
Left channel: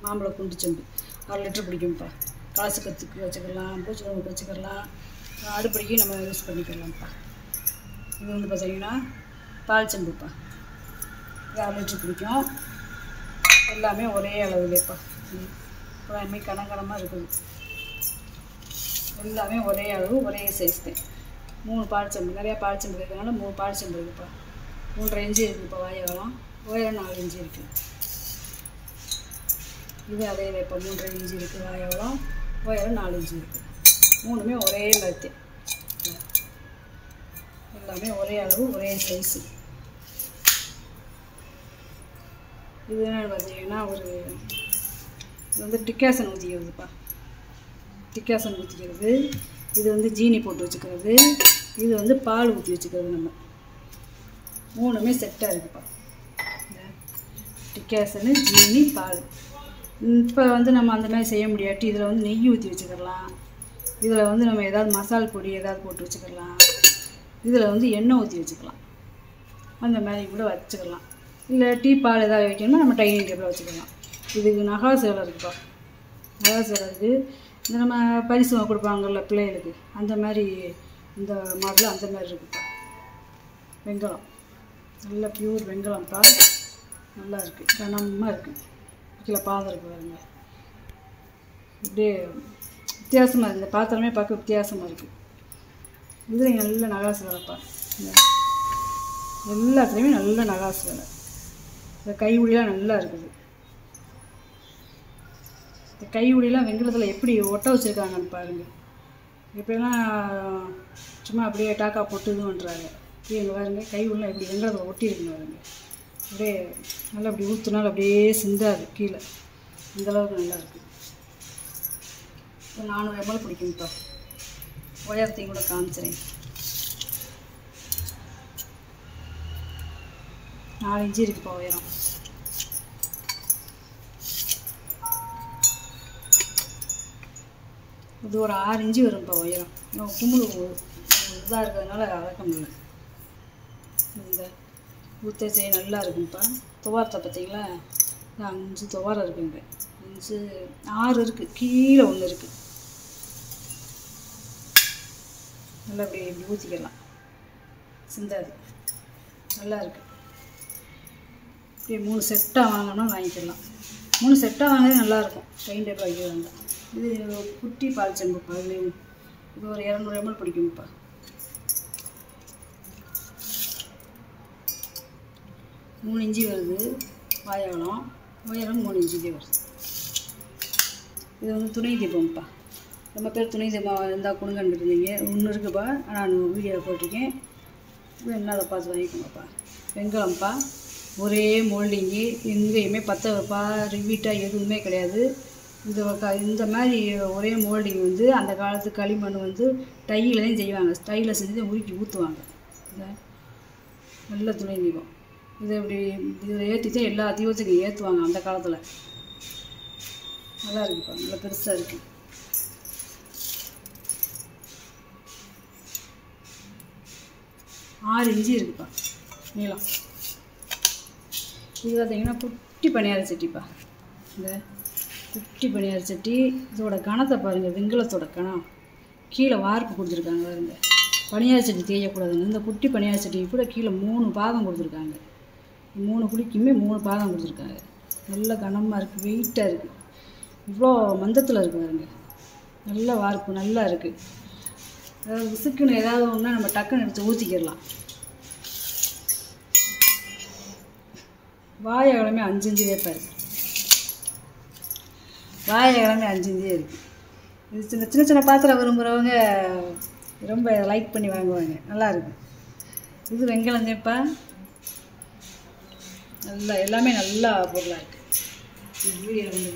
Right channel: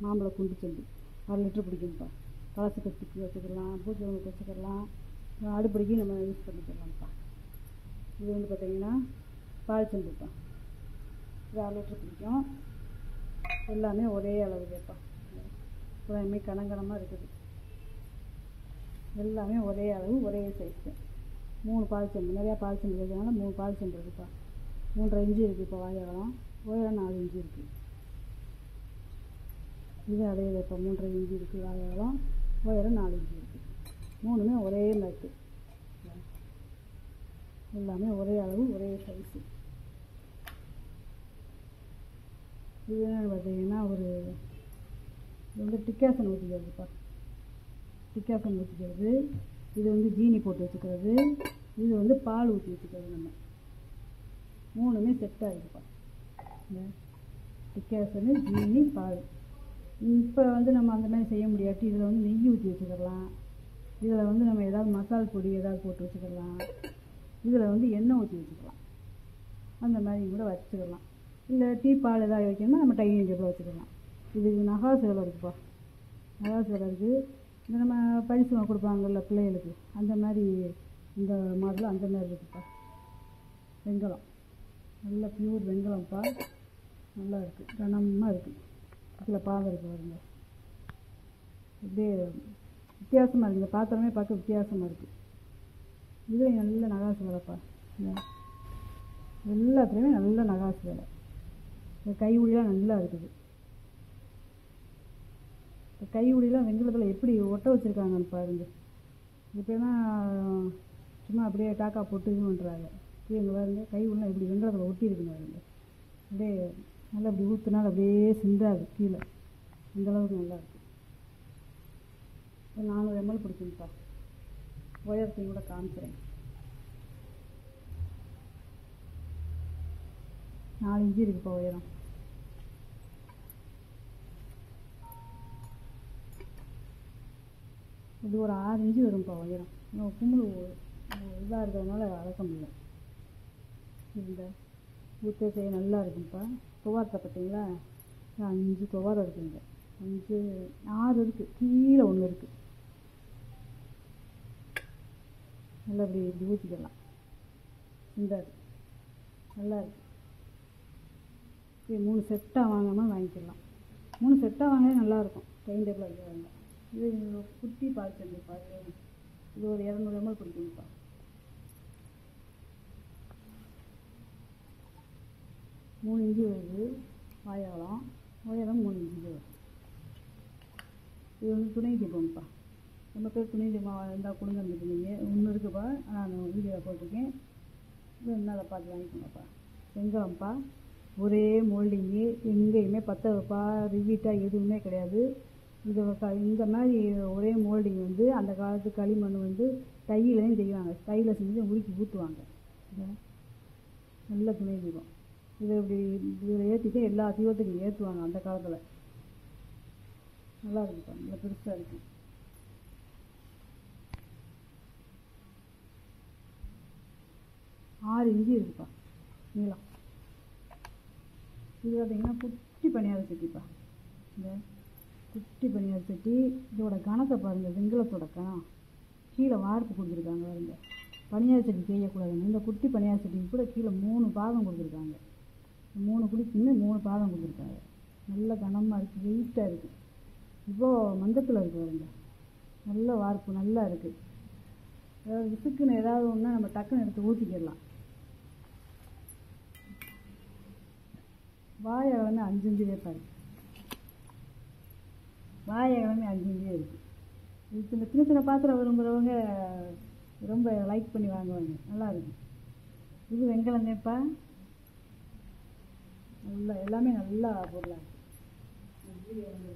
மாம்பழ குண்டு செம்பு 6 லிட்டர் பிடிக்கும்ப்பா. காசு கற்றுக்கு வச்சுக்கலாம், பூச்சி நோய்க்கு வச்சுக்கலாம், அடுப்படிக்கு நம்ம யூஸ் பண்ணிக்கலாம்ப்பா. இது வந்து பார்த்திங்கன்னா பால் செம்புப்பா. இது 6 லிட்டர் பிடிக்கும். எல்லாமே ஒரே அளவுலேப்பா. எல்லாமே கனகனமாக இருக்குது. எல்லாமே ஒரே அளவு, ஒரே சைஸ் தான். 3 பால் செம்பு, நிறையா பால் செம்பு இருக்கிறதுனால 3 பால் செம்பு இருக்குதுப்பா. 3.5 இன்ச்சு இருக்குது இப்போ வாயகலம். உயரம் 4 இன்ச்சு இருக்குது. இது அதே இப்போ 3.5 இன்ச்சு இருக்குது வாயகலம், உயரம் 4 இன்ச்சு இருக்குது. 3மே ஒரே மாதிரி தான். எல்லாமே ஒரே அளவு, ஒரே சைஸு. இது என்னென்னு பார்த்தீங்கன்னா இது வந்து டிக்காசன் ஊற்றிக்கிறதுப்பா. டிக்காசன் ஊற்றிக்கிறது. இது வந்து ஜீனி போட்டு வச்சுக்கிறது. இது வந்து பால் ஊற்றி வச்சுக்கிறது. நம்ம 3மே செட்டாக இருக்குதுப்பா. இந்த டிக்காசனு, ஜீனி, பால். இப்போ வந்து நம்ம அந்த மாதிரி செய்ய முடியாட்டி இதில் வந்து நெய் ஊற்றி வச்சுக்கலாம். இதில் வந்து நம்ம ஏதாவது மசால் பொடி ஏதாவது போட்டு வச்சுக்கலாம். இதில் வந்து எண்ணெய் ஊற்றி வச்சுக்கலாம். அந்த மாதிரி கூட வச்சுக்கலாம். இல்லை டீ பால் ஏதாவது வைக்கணும்னா நம்ம டைனிங் டேபிளில் வச்சுக்கலாம். இதுக்கு நகாசு வேலை இருக்குதுப்பா. நகாசு வேலை இருக்குது. இந்த நம்ம பரிசு கொடுப்பாங்கள்ல பிள்ளைகளுக்கு, அந்த மாதிரி இந்த மாடல் அந்த மாதிரி இருக்குதுப்பா. வெங்கலம் நல்ல பியூர் வெங்கலம்ப்பா. நல்லா இருக்குது, கனமாக இருக்குது. கீழே பாதம் இருக்குது பாருங்க. இப்படியே வித்தியாசமாக இருக்குது. இந்த பாத்திரமே பார்க்க வித்தியாசமாக இருக்குது. இதில் நல்ல நகாசு வேலைப்பா. எல்லாத்துலேயுமே நல்ல நகாசு வேலை. இந்த கைவுடியெலாம் நல்லா இருக்குது. இந்த கைவுடியெலாம் வெங்கலத்தில் எப்படி ஒட்ட வச்சுருக்காங்கன்னு பாருங்கள். இப்போலாம் சும்மா அப்படியே டாக்கா போட்டு இது பண்ணுறாங்க. இங்கே பாருங்கள், கைவுடிலாம் எப்படி வெங்கலத்தில் ஒட்டி இருக்குன்னு பாருங்க. அப்படியே நல்லா அப்படி ஊற்றுனாலும் அப்படியே சிந்தாது கீழே. இந்தளவுக்கு நல்லா இருக்குது. 400 ml பிடிக்கும்ப்பா. உயரத்தையும் கூட காமிச்சிறேன். 4 இன்ச்சு இருக்குப்பா உயரம். இது ஒரு 6 இன்ச்சு வரும்ப்பா உயரம். இன்னும் கும்பல் இதாக இருக்கிறதுனால அளக்க முடியல. இந்த ஊற்ற செய்ய நல்லா இருக்கும்ப்பா. துவாரத்தை பார்த்தீங்களா, 5 துவாரம் இருக்குங்க. 5 6 இருக்குது, கீழே 1 இருக்குது. நல்லா இப்படி ஊற்றிக்கலாம், சிந்தாது. நல்லா இருக்குது. இப்படி 3 செட்டாக வாங்கினோம்னா வாங்கிக்கலாம். 3 செட்டாக வாங்கினது நல்லாயிருக்கும். டைனிங் டேபிள் வைக்க வேண்டாம். இது குட்டி பால் செம்புப்பா. இது ஒரு 200 ml பிடிக்கும்ப்பா. மூணு இன்ச்சு வருது வாயகலம், உயரம் 3 இன்ச்சுக்கே வருது. இது வந்து துணை தீபம்ப்பா. ரொம்ப பேர் துணை தீபம் இருந்தால் கொடுங்கன்னு இருந்தீங்க. ஒன்று இருக்குப்பா, நான் வீடியோ போட்டிருக்கேன். என்ன அதை பார்த்து வாங்கிக்கோங்கப்பா. வெங்கலம்ப்பா. ஒரே மோல்டிங்கு, எங்கேயுமே பற்ற வைப்பா ரிவீட்டாக எதுவுமே கிடையாது. இந்த மாதிரி ஒரே மோல்டிங் வந்து அந்த காலத்து களிமண் வந்து டையிலையும் செய்வாங்க. டையில் செஞ்சு உருக்கி ஊற்றுவாங்க. நல்ல துணை தீபம். இதை இப்படி இதில் ஏற்றி தான் எல்லா தீபத்துக்கும் ஏற்றுவாங்க அந்த காலத்தில். நல்லா இருக்குப்பா, நல்லா பெருசாக இருக்குது. ஆறு இன்ச்சு இருக்குப்பா நீளம். இது பார்த்தீங்கன்னா குட்டி பணியார சட்டிப்பா. இந்த குட்டி பணியார சட்டி இதோட கணத்தை பாருங்கள். வெங்கலத்தோட கணம் கீழே வார்ப்பு கொடுத்துருக்காங்க பாருங்க. பணியார சட்டி தேயக்கூடாதுங்க. இந்த குட்டி பணியார சட்டிக்கு கூட கீழே 3 பாகம் கொடுத்துருக்காங்க. 3 குழிக்குமே 3 பாகம் கொடுத்துருக்காங்க. நல்ல கனமாக இருக்குது, வெயிட்டாக இருக்குது. இவ்வளோ மந்தத்தில் இருக்குது பாருங்க. நல்ல வார்ப்பு நல்லா இருக்குது. அதாவது விசுக்குன்னு ஏதாவது ஒன்றா நம்ம டக்குன்னு எடுத்து ஊற்றிக்கிடலாம். வாயகலமே 5 இன்ச்சு வேப்பா இருக்குது. வாயகலமே 5 இன்ச்சே இருக்குது. இது சின்ன சின்ன பாத்திரம் விரும்புகிறவங்க ரொம்ப லைக் பண்ணி வாங்குவாங்க. நல்லா இருக்குது. இது வெங்கலம் தேப்பா. நல்லா எல்லாமே நல்லா பொருளாக இருக்குது. வீடியோ வந்து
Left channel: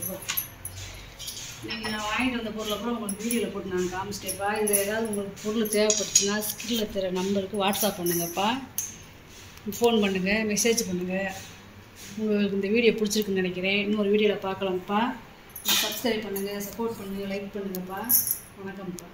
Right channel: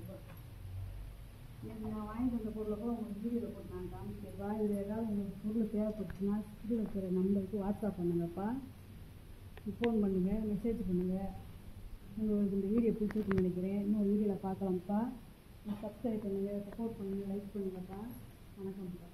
இன்றைக்கி நான் வாங்கிட்டு வந்த பொருளை கூட உங்களுக்கு வீடியோவில் போட்டு நான் காமிச்சிட்டேப்பா. இதில் ஏதாவது உங்களுக்கு பொருள் தேவைப்பட்டுச்சுன்னா ஸ்க்ரீனில் தர நம்பருக்கு வாட்ஸ்அப் பண்ணுங்கப்பா, ஃபோன் பண்ணுங்கள், மெசேஜ் பண்ணுங்கள். உங்களுக்கு இந்த வீடியோ பிடிச்சிருக்குன்னு நினைக்கிறேன். இன்னொரு வீடியோவில் பார்க்கலாம்ப்பா. சப்ஸ்கிரைப் பண்ணுங்கள், சப்போர்ட் பண்ணுங்கள், லைக் பண்ணுங்கப்பா. வணக்கம்ப்பா.